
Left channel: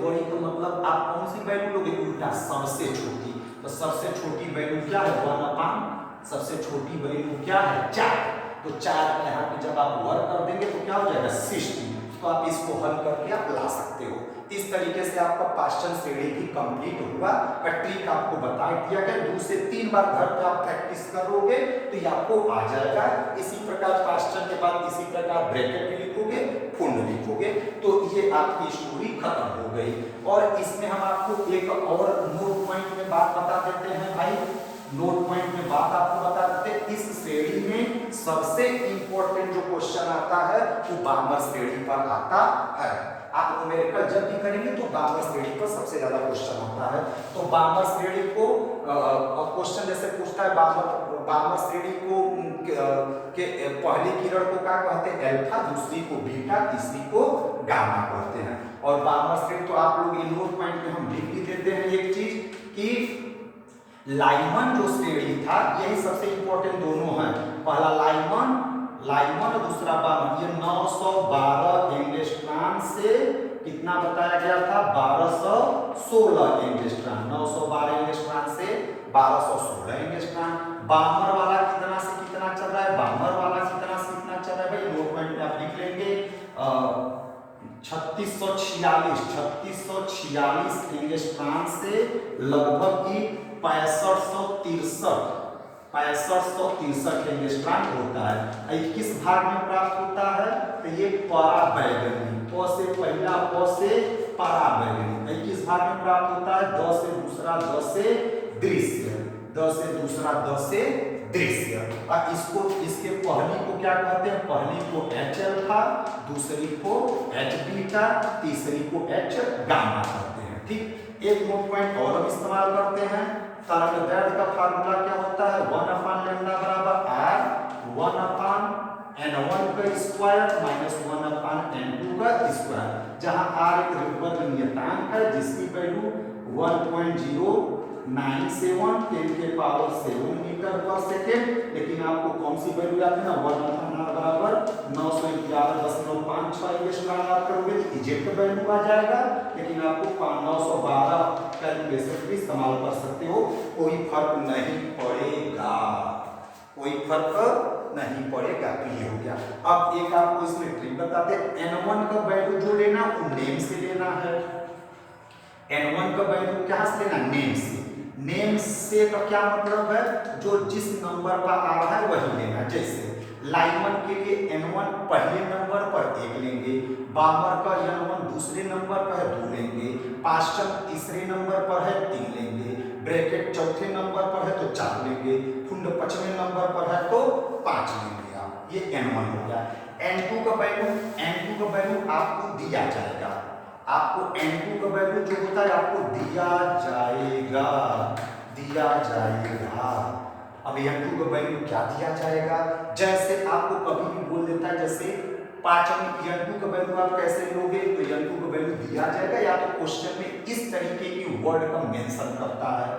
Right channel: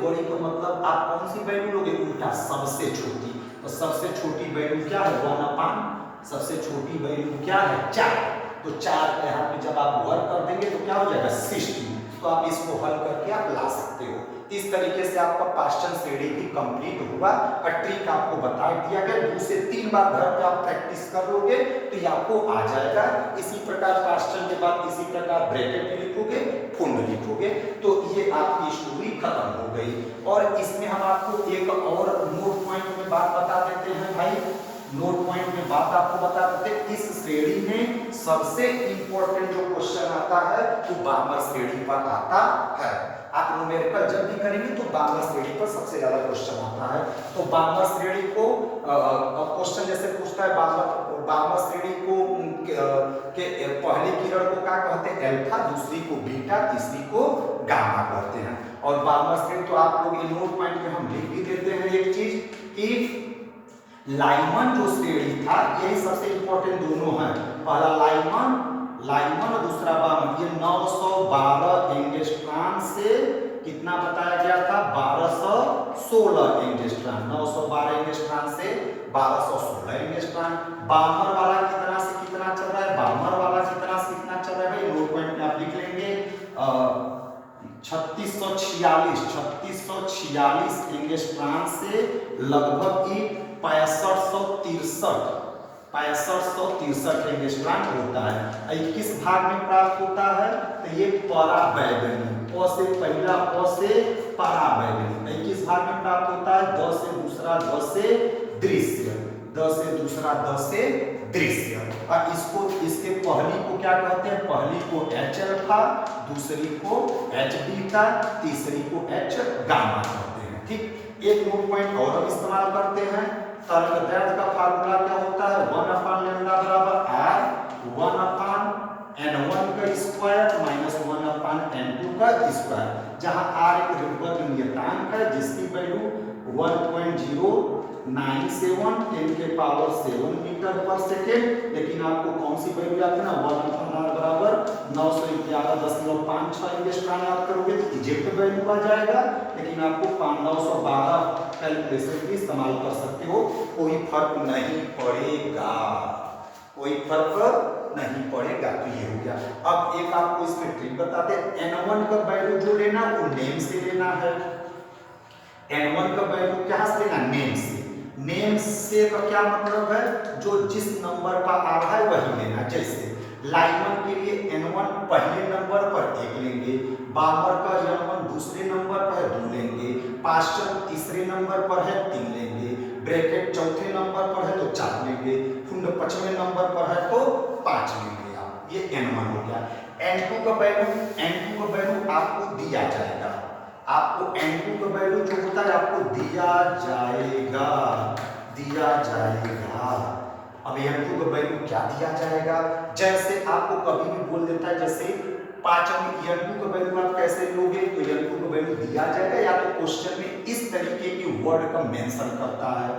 बड़ी तो मतलब आप कौन सी वैल्यू लोगे, उल्टा सबसे छोटी। तो सबसे छोटी वैल्यू क्या है 1/, सबसे छोटी वैल्यू क्या है 4। तो 4 का यहाँ पे जब आप वर्क कर देंगे तो क्या हो जाएगा 60। तो आप इसको हल करके आप ला सकते हो। इस तरीके से आपका पाश्चन श्रेणी भी कंप्लीट हुआ और ट्रिक आपको बता दिया गया। 2 से 3 बार घर पे आप प्रैक्टिस करोगे तो ये आपको आ जाएगा। इसी प्रकार पाश्चन के बाद इसी प्रकार ब्रैकेट लिखोगे, फुंड लिखोगे, तो ये आपकी स्टोरी खत्म हो गई। और इसमें हम आपको एक और नोट पॉइंट में बात बता देते हैं भाई, नोट पॉइंट में बात आपको बता देते हैं। इस श्रेणी में सबसे इंपॉर्टेंट जो क्वेश्चन आता है वो बामर श्रेणी पर आता है। आप न्यूमेरिकल जब भी करेंगे तो बामर श्रेणी पर सबसे ज्यादा क्वेश्चन आता है। तो बामर श्रेणी को क्वेश्चन जैसे पूछता है बामर श्रेणी को के पहली किरण को क्या कहते हैं अल्फा, दूसरी को बीटा, तीसरी को गामा कहते हैं। और बामर श्रेणी तो आप लोग इन नोट पॉइंट में हम लिख भी देते हैं एक चीज कि लाइमन जो श्रेणी था, यही सबसे इंपॉर्टेंट दोनों है। पहला लाइमन और दूसरा बामन। ये 912 एंगस्ट्रॉम से कितना बताया गया था 1216 एंगस्ट्रॉम। 912 एंगस्ट्रॉम से 1216 एंगस्ट्रॉम। बामर वाला कितना से कितना चल रहा है, बामर वाला कितना से कितना चल रहा है भाई, नोट पॉइंट में आप लिख लेंगे 3646 एंगस्ट्रॉम से लगभग 6563 एंगस्ट्रॉम होता है। किस भाग में प्राप्त होता है, तो ये पराबैंगनी, प से पहला प से पराबैंगनी। किस भाग में प्राप्त होता है, द से दूसरा द से दृश्य, द से दूसरा द से दृश्य। और इसको इसके पहली को क्या कहते हैं, पहली को H अल्फा, दूसरी को H बीटा, तीसरी को H गामा कहते हैं। ठीक। एक नोट पॉइंट और हम इस्तेमाल करते हैं। तरंगदैर्घ्य का फार्मूला क्या होता है 1/λ बराबर r 1/n1 का स्क्वायर माइनस 1/n2 का स्क्वायर, जहां r एक ऋणात्मक नियतांक है जिसकी वैल्यू 1.097 10 के पावर 7 मीटर पर सेकेंड। लेकिन आपको कौन सी वैल्यू याद है ना 1/r बराबर 911.56 एंगस्ट्रॉम याद करोगे तो इजेक्ट वैल्यू आ जाएगा। लेकिन आपको 912 कैलकुलेशन भी इस्तेमाल कर सकते हो, कोई फर्क नहीं पड़ेगा, कोई फर्क नहीं पड़ेगा। तो ये हो गया। अब एक आपको इसमें ट्रिक बताते हैं। n1 का वैल्यू जो लेना वो नेम से लेना है। n1 का वैल्यू क्या से लेना, नेम से। नेम से का क्या मतलब है, जो जिस नंबर का आ रहा है वही लेना। जैसे लाइमन के लिए n1 पहले नंबर पर 1 लेंगे, बामर का n1 दूसरे नंबर पर है 2 लेंगे, पाश्चन तीसरे नंबर पर है 3 लेंगे, ब्रैकेट चौथे नंबर पर है तो 4 लेंगे, फुंड 5वें नंबर पर है तो 5 लेंगे आप। ये n1 हो गया। n2 का वैल्यू आपको दिया जाएगा। आपको n2 का वैल्यू जो होता है आपको दिया जाएगा। अब n2 का वैल्यू क्या दिया जाएगा, जैसे आपको कभी भी बोल देता है, जैसे 5 में n2 का वैल्यू आप कैसे लोगे, तो n2 का वैल्यू दिया जाएगा या तो क्वेश्चन में इस तरीके की वर्ड का मेंशन करता है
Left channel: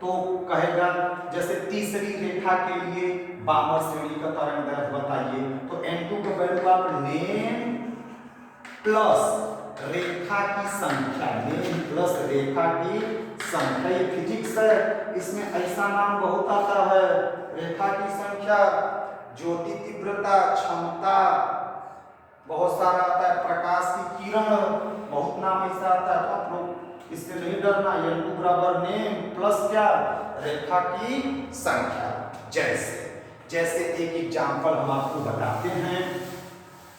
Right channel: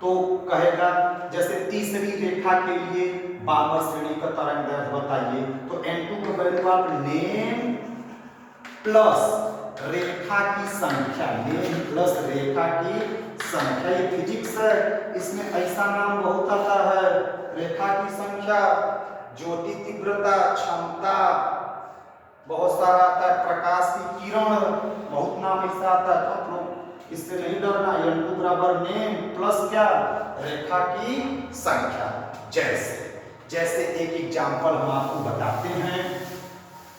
तो कहेगा जैसे तीसरी रेखा के लिए बामर श्रेणी का तरंगदैर्घ्य बताइए, तो n2 का वैल्यू आप नेम प्लस रेखा की संख्या, नेम प्लस रेखा की संख्या। ये फिजिक्स है, इसमें ऐसा नाम बहुत आता है। रेखा की संख्या, ज्योति तीव्रता, क्षमता, बहुत सारा आता है, प्रकाश की किरण, बहुत नाम ऐसा आता है, तो आप लोग इससे नहीं डरना। n2 बराबर नेम प्लस क्या, रेखा की संख्या। जैसे जैसे एक एग्जाम्पल हम आपको बताते हैं।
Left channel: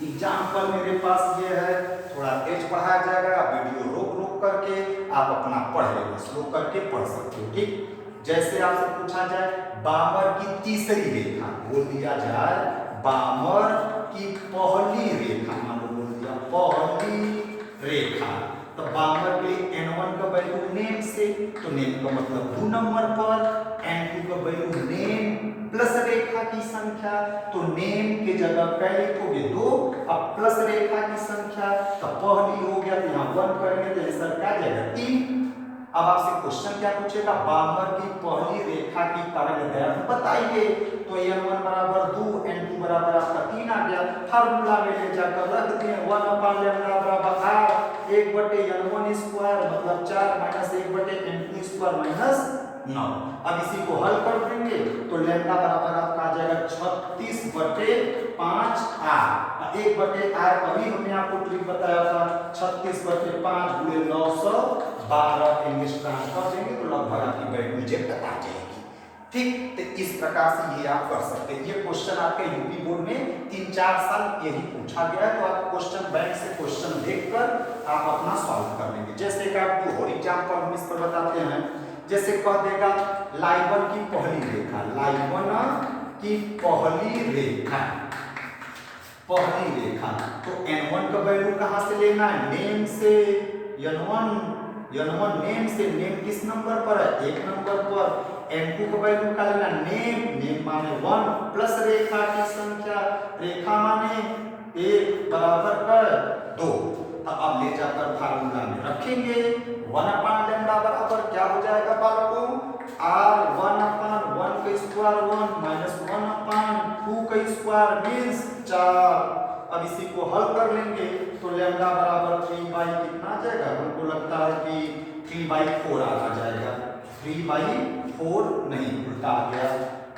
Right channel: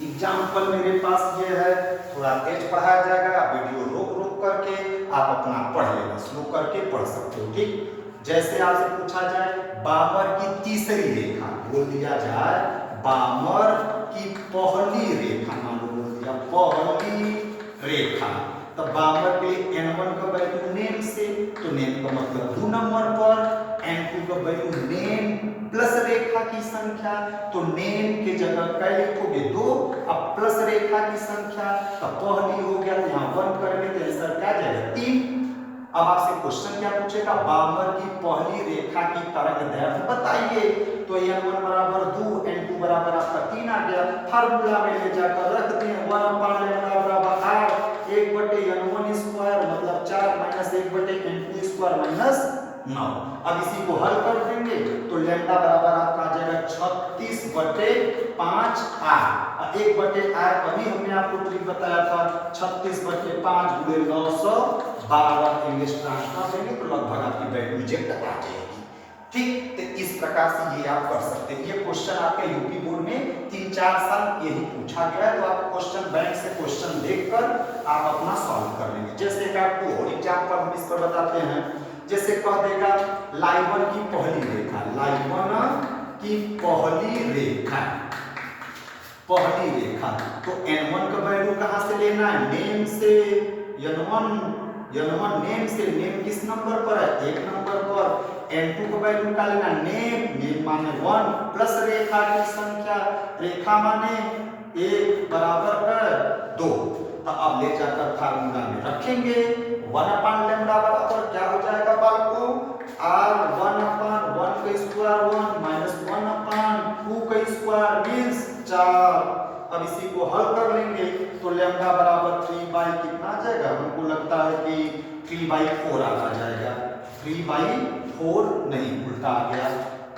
एग्जाम्पल मेरे पास ये है, थोड़ा तेज पढ़ाया जाएगा, वीडियो रोक रोक करके आप अपना पढ़ लेना, स्लो करके पढ़ सकते हो, ठीक। जैसे आपसे पूछा जाए बाबर की तीसरी रेखा, बोल दिया जाए बाबर की पहली रेखा, मान लो बोल दिया पहली रेखा, तो बाबर के n1 का वैल्यू नेम से, तो नेम का मतलब 2 नंबर पर, n2 का वैल्यू नेम प्लस रेखा की संख्या, तो नेम की जगह क्या लिखोगे 2, अब प्लस रेखा की संख्या, तो पहली हो गया, तो यहाँ 1 करेंगे तो आंसर क्या जाएगा 3। अब आपसे क्वेश्चन क्या पूछेगा, बाबर की पहली रेखा की तरंगदैर्घ्य बताइए, तो n1 बराबर 2, n2 बराबर आपका 3 आ गया। फार्मूला में ले जाकर रख दिए, 1/λ बराबर r 1/n1 स्क्वायर मतलब 4 माइनस 1/n2 स्क्वायर माइनस 9। अब इसी को हल कर देंगे तो लैम्डा बराबर आपका आ जाएगा 36/5 r। 1/r अभी हमने आपको ट्रिक बताया था, 36/5 गुणे 912 इंग्लिश ट्रांसफर देंगे तो लगभग आपकी वैल्यू रिजेक्ट आ जाएगी, ठीक। तो इस प्रकार से ये आप कर सकते हैं। ये क्वेश्चन आपके यूपी बोर्ड में 3-4 साल यही पूछा गया है, तो आप क्वेश्चन बैंक से क्वेश्चन देखकर आप अपना सॉल्व कर लेंगे। जैसे कि आपको और एग्जांपल हम इस पर बताते हैं, जैसे कह देगा लाइवन की पहली रेखा, लाइवन की पहली रेखा, पहली रेखा, तो n1 का वैल्यू कहां से लेना है, नेम से, n1 नेम से, नेम किस नंबर पर है, 1 नंबर पर। n2 का वैल्यू का लेना नेम माने 1 प्लस रेखा की संख्या, रेखा माने 1 बराबर कर 2। अब ले जाकर फार्मूला में रखेंगे, 1/λ बराबर क्या हो जाएगा बालकों, r 1/1 का स्क्वायर 1 माइनस 1/2 का स्क्वायर मींस 4। अब इसी को हल कर लेंगे तो लैम्डा बराबर 3 कितना आ जाएगा, हमको लगता है कि 3/4 आ जाएगा, 3/4 नहीं उल्टा आ गया।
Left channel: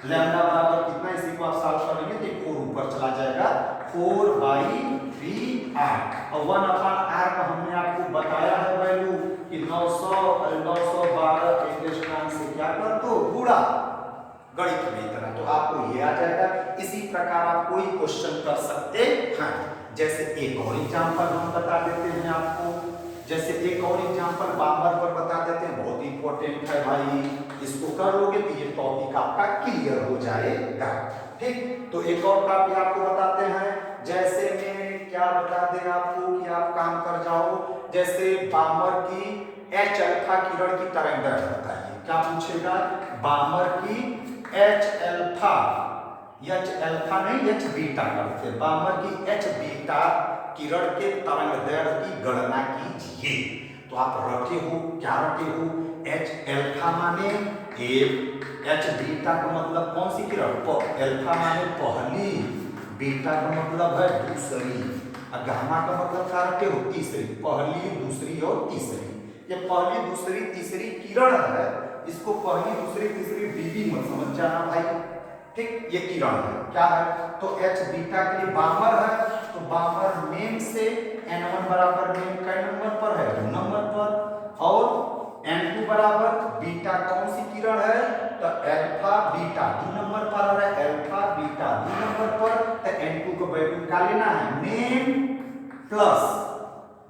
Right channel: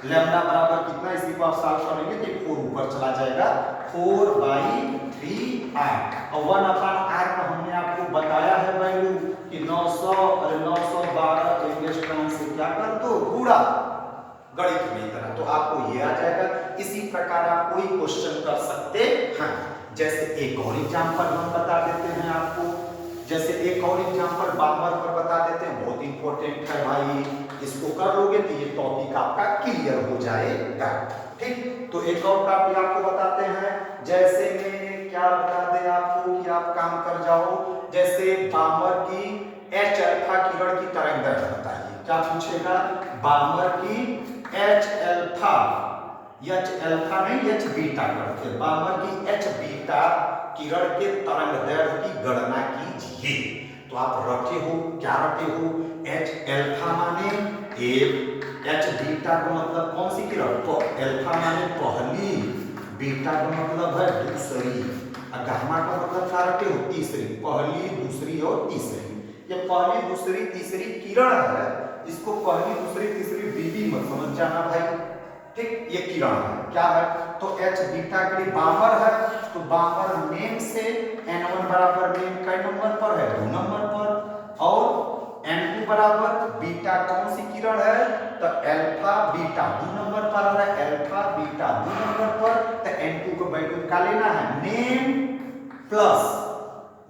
लैम्डा बराबर कितना, इसी को आप सॉल्व करेंगे तो 4 ऊपर चला जाएगा, 4/3r। और 1/r का हमने आपको बताया है वैल्यू कि 912 इंग्लिश टर्म से क्या कर दो गुणा, गणित की तरह, तो आपको ये आ जाएगा। इसी प्रकार आप कोई क्वेश्चन कर सकते हैं। जैसे एक और एग्जांपल हम बता देते हैं आपको, जैसे एक और एग्जांपल बाबर पर बता देते हैं, बहुत इंपॉर्टेंट है भाई, इसको कर लोगे तो ये टॉपिक आपका क्लियर हो जाएगा, ठीक। तो एक और टॉपिक आपको बताते हैं, जैसे मैं क्या बता दें आपको कि आप काम कर जाओ, जैसे बाबर की H अल्फा किरण की तरंगदैर्घ्य बताइए, क्या पूछेगा, बाबर की H अल्फा नहीं H बीटा करते, बाबर की H बीटा किरण के तरंगदैर्घ्य की गणना कीजिए। तो आप रखे हो, क्या रखे हो, H अल्फा माने 1, H बीटा का मतलब कौन सी किरण, अल्फा माने पहली, बीटा का मतलब है दूसरी, और गामा का मतलब क्या रखे हो, तीसरी, पहली दूसरी और तीसरी। ये पहली दूसरी तीसरी किरण है, इसको पहली दूसरी तीसरी बीबी मत समझ जाना भाई, ठीक। ये किरण है, क्या है, तो H बीटा के लिए बाबर है, तो बाबर नेम से n1 बराबर नेम कई नंबर पर है, 2 नंबर पर, और n2 बराबर बीटा कौन सी किरण है, तो अल्फा बीटा 2 नंबर पर आ रहा है, अल्फा बीटा 2 नंबर पर, तो n2 का वैल्यू क्या लेना है, नेम प्लस,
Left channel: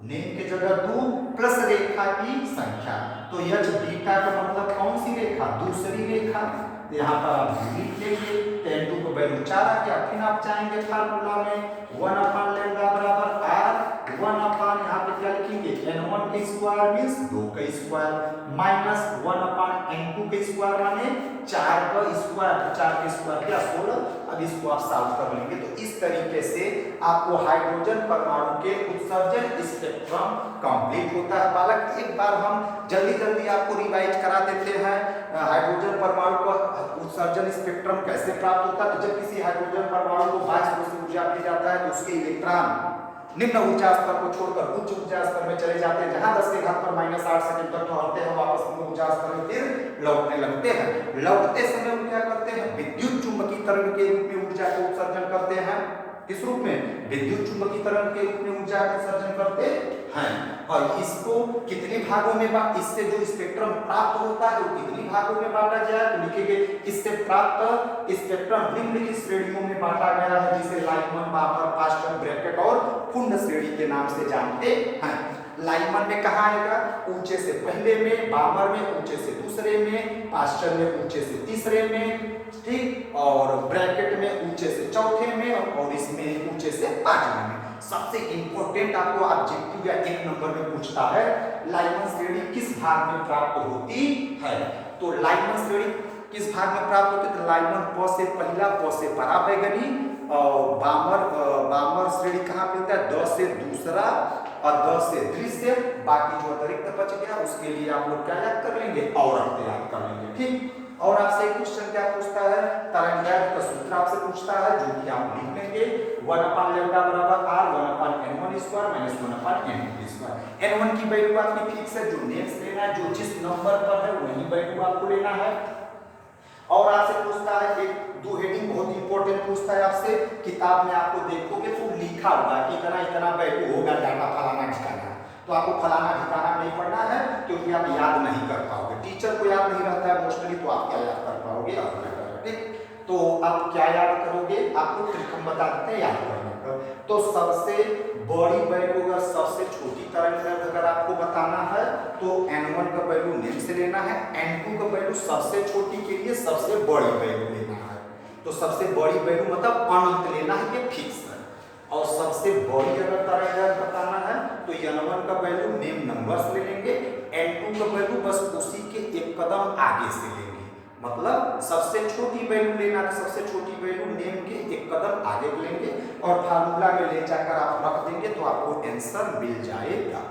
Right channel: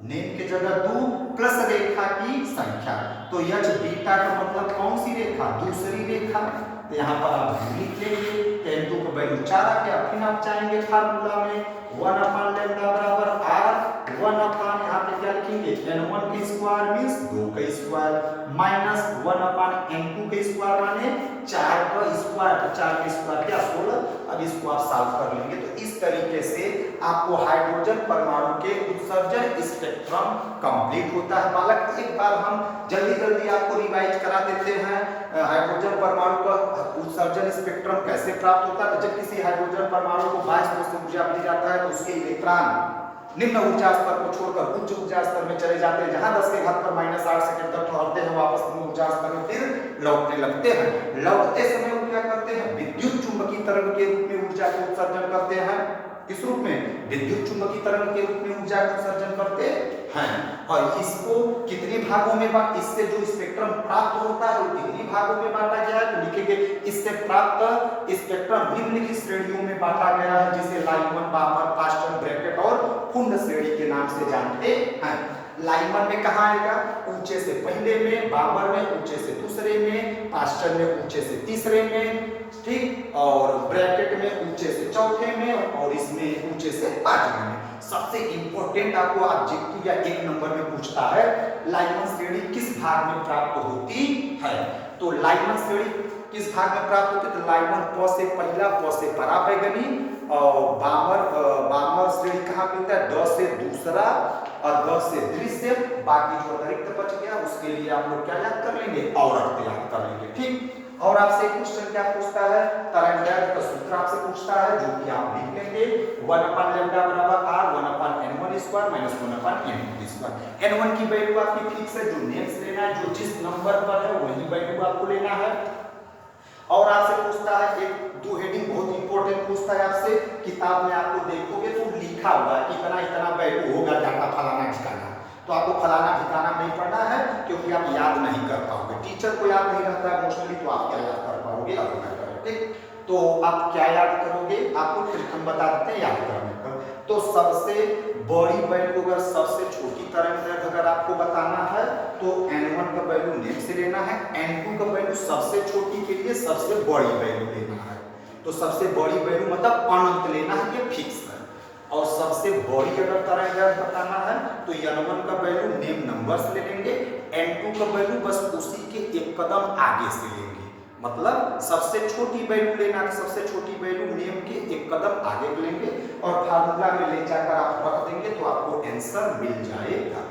नेम की जगह 2 प्लस रेखा की संख्या, तो H बीटा का मतलब कौन सी रेखा, दूसरी रेखा, तो यहाँ पर आप लिख लेंगे, तो n2 का वैल्यू 4 आ गया। फिर आप चाहेंगे फार्मूला में 1/λ बराबर r, 1/, यहाँ पे क्या लिखेंगे, n1 का स्क्वायर मींस 2 का स्क्वायर माइनस 1/n2 का स्क्वायर माने 4 का स्क्वायर, तो 4 का स्क्वायर क्या 16। अब इसको आप सॉल्व कर लेंगे, तो इस तरीके से आपको हाइड्रोजन परमाणु के उत्सर्जन स्पेक्ट्रम कंप्लीट होता है। बालक एक बार हम जल्दी आपको रिवाइज करा देते हैं, हाइड्रोजन परमाणु का उत्सर्जन स्पेक्ट्रम कैसे प्राप्त होता है। तो जब किसी हाइड्रोजन परमाणु को बाह्य से ऊर्जा दी जाता है तो उसके इलेक्ट्रॉन निम्न ऊर्जा स्तर को छोड़कर उच्च ऊर्जा स्तर में चले जाते हैं, जहां 10 के घात पर -8 सेकंड तक ठहरते हैं, वापस निम्न ऊर्जा स्तर में फिर लौटने लगते हैं। लौटते समय वो क्या करते हैं, विद्युत चुंबकीय तरंग के रूप में ऊर्जा का उत्सर्जन करते हैं। किस रूप में, विद्युत चुंबकीय तरंग के रूप में ऊर्जा का सर्जन करते हैं। और इसको कितने भागों में इससे जो स्पेक्ट्रम प्राप्त होता है वो कितने भागों में बांटा गया है, तो लिखेंगे इससे प्राप्त स्पेक्ट्रम निम्नलिखित श्रेणियों में बांटा गया है, जिसे लाइनमैन, बामर, पास्टन, ब्रैकेट और फुंड श्रेणी के नाम से जानते हैं। लाइनमैन में कहाँ आएगा, ऊंचे से पहले में, बामर में ऊंचे से दूसरे में, पास्टन में ऊंचे से तीसरे में, ठीक, और ब्रैकेट में ऊंचे से चौथे में, और इसमें ऊंचे से पांचवें में। सबसे इंपॉर्टेंट आपको ऑब्जेक्टिव या 1 नंबर में पूछता है, लाइनमैन श्रेणी किस भाग में प्राप्त होती है। तो लाइनमैन श्रेणी किस भाग में प्राप्त होती है, तो लाइनमैन प से पहला, प से पराबैंगनी, और बामर श्रेणी कहाँ मिलता है, द से दूसरा और द से दृश्य। बाकी जो अतिरिक्त बच गया उसके लिए आप लोग क्या याद कर लेंगे, औरत याद कर लेंगे, ठीक। और आपसे एक क्वेश्चन क्या पूछता है, तरंगायत का सूत्र आपसे पूछता है, जो कि आप लिख लेंगे 1/λ बराबर r 1/n1 square minus 1/n2 square. n1 की वैल्यू आपकी फिक्स है, जो नेक्स्ट लेना है, जो जिस नंबर पर है वही वैल्यू आपको लेना है। और आपसे पूछता है एक दो हेडिंग बहुत इंपॉर्टेंट पूछता है आपसे, किताब में आपको देखोगे तो लिखा हुआ है कि इतना इतना वैल्यू होगा डाटा फलाना ठिकाना, तो आपको फलाना ठिकाना नहीं पढ़ना है क्योंकि आप याद नहीं कर पाओगे, टीचर को याद नहीं रहता है मोस्टली, तो आप क्या याद कर पाओगे, ठीक। तो आप क्या याद करोगे, आपको ट्रिक हम बता देते हैं याद करने का। तो सबसे बड़ी वैल्यू अगर सबसे छोटी तरंग अगर आपको बताना है तो n1 का वैल्यू नेम से लेना है, n2 का वैल्यू सबसे छोटी के लिए सबसे बड़ी वैल्यू लेना है। तो सबसे बड़ी वैल्यू मतलब अनंत लेना है, ये फिक्स है। और सबसे बड़ी अगर तरंग बताना है तो n1 का वैल्यू नेम नंबर से ले लेंगे, n2 का वैल्यू बस उसी के एक कदम आगे से लेंगे, मतलब सबसे छोटी वैल्यू लेना है, सबसे छोटी वैल्यू नेम के एक कदम आगे लेंगे और फार्मूला में ले जाकर आप रख देंगे तो आपको आंसर मिल जाएगा।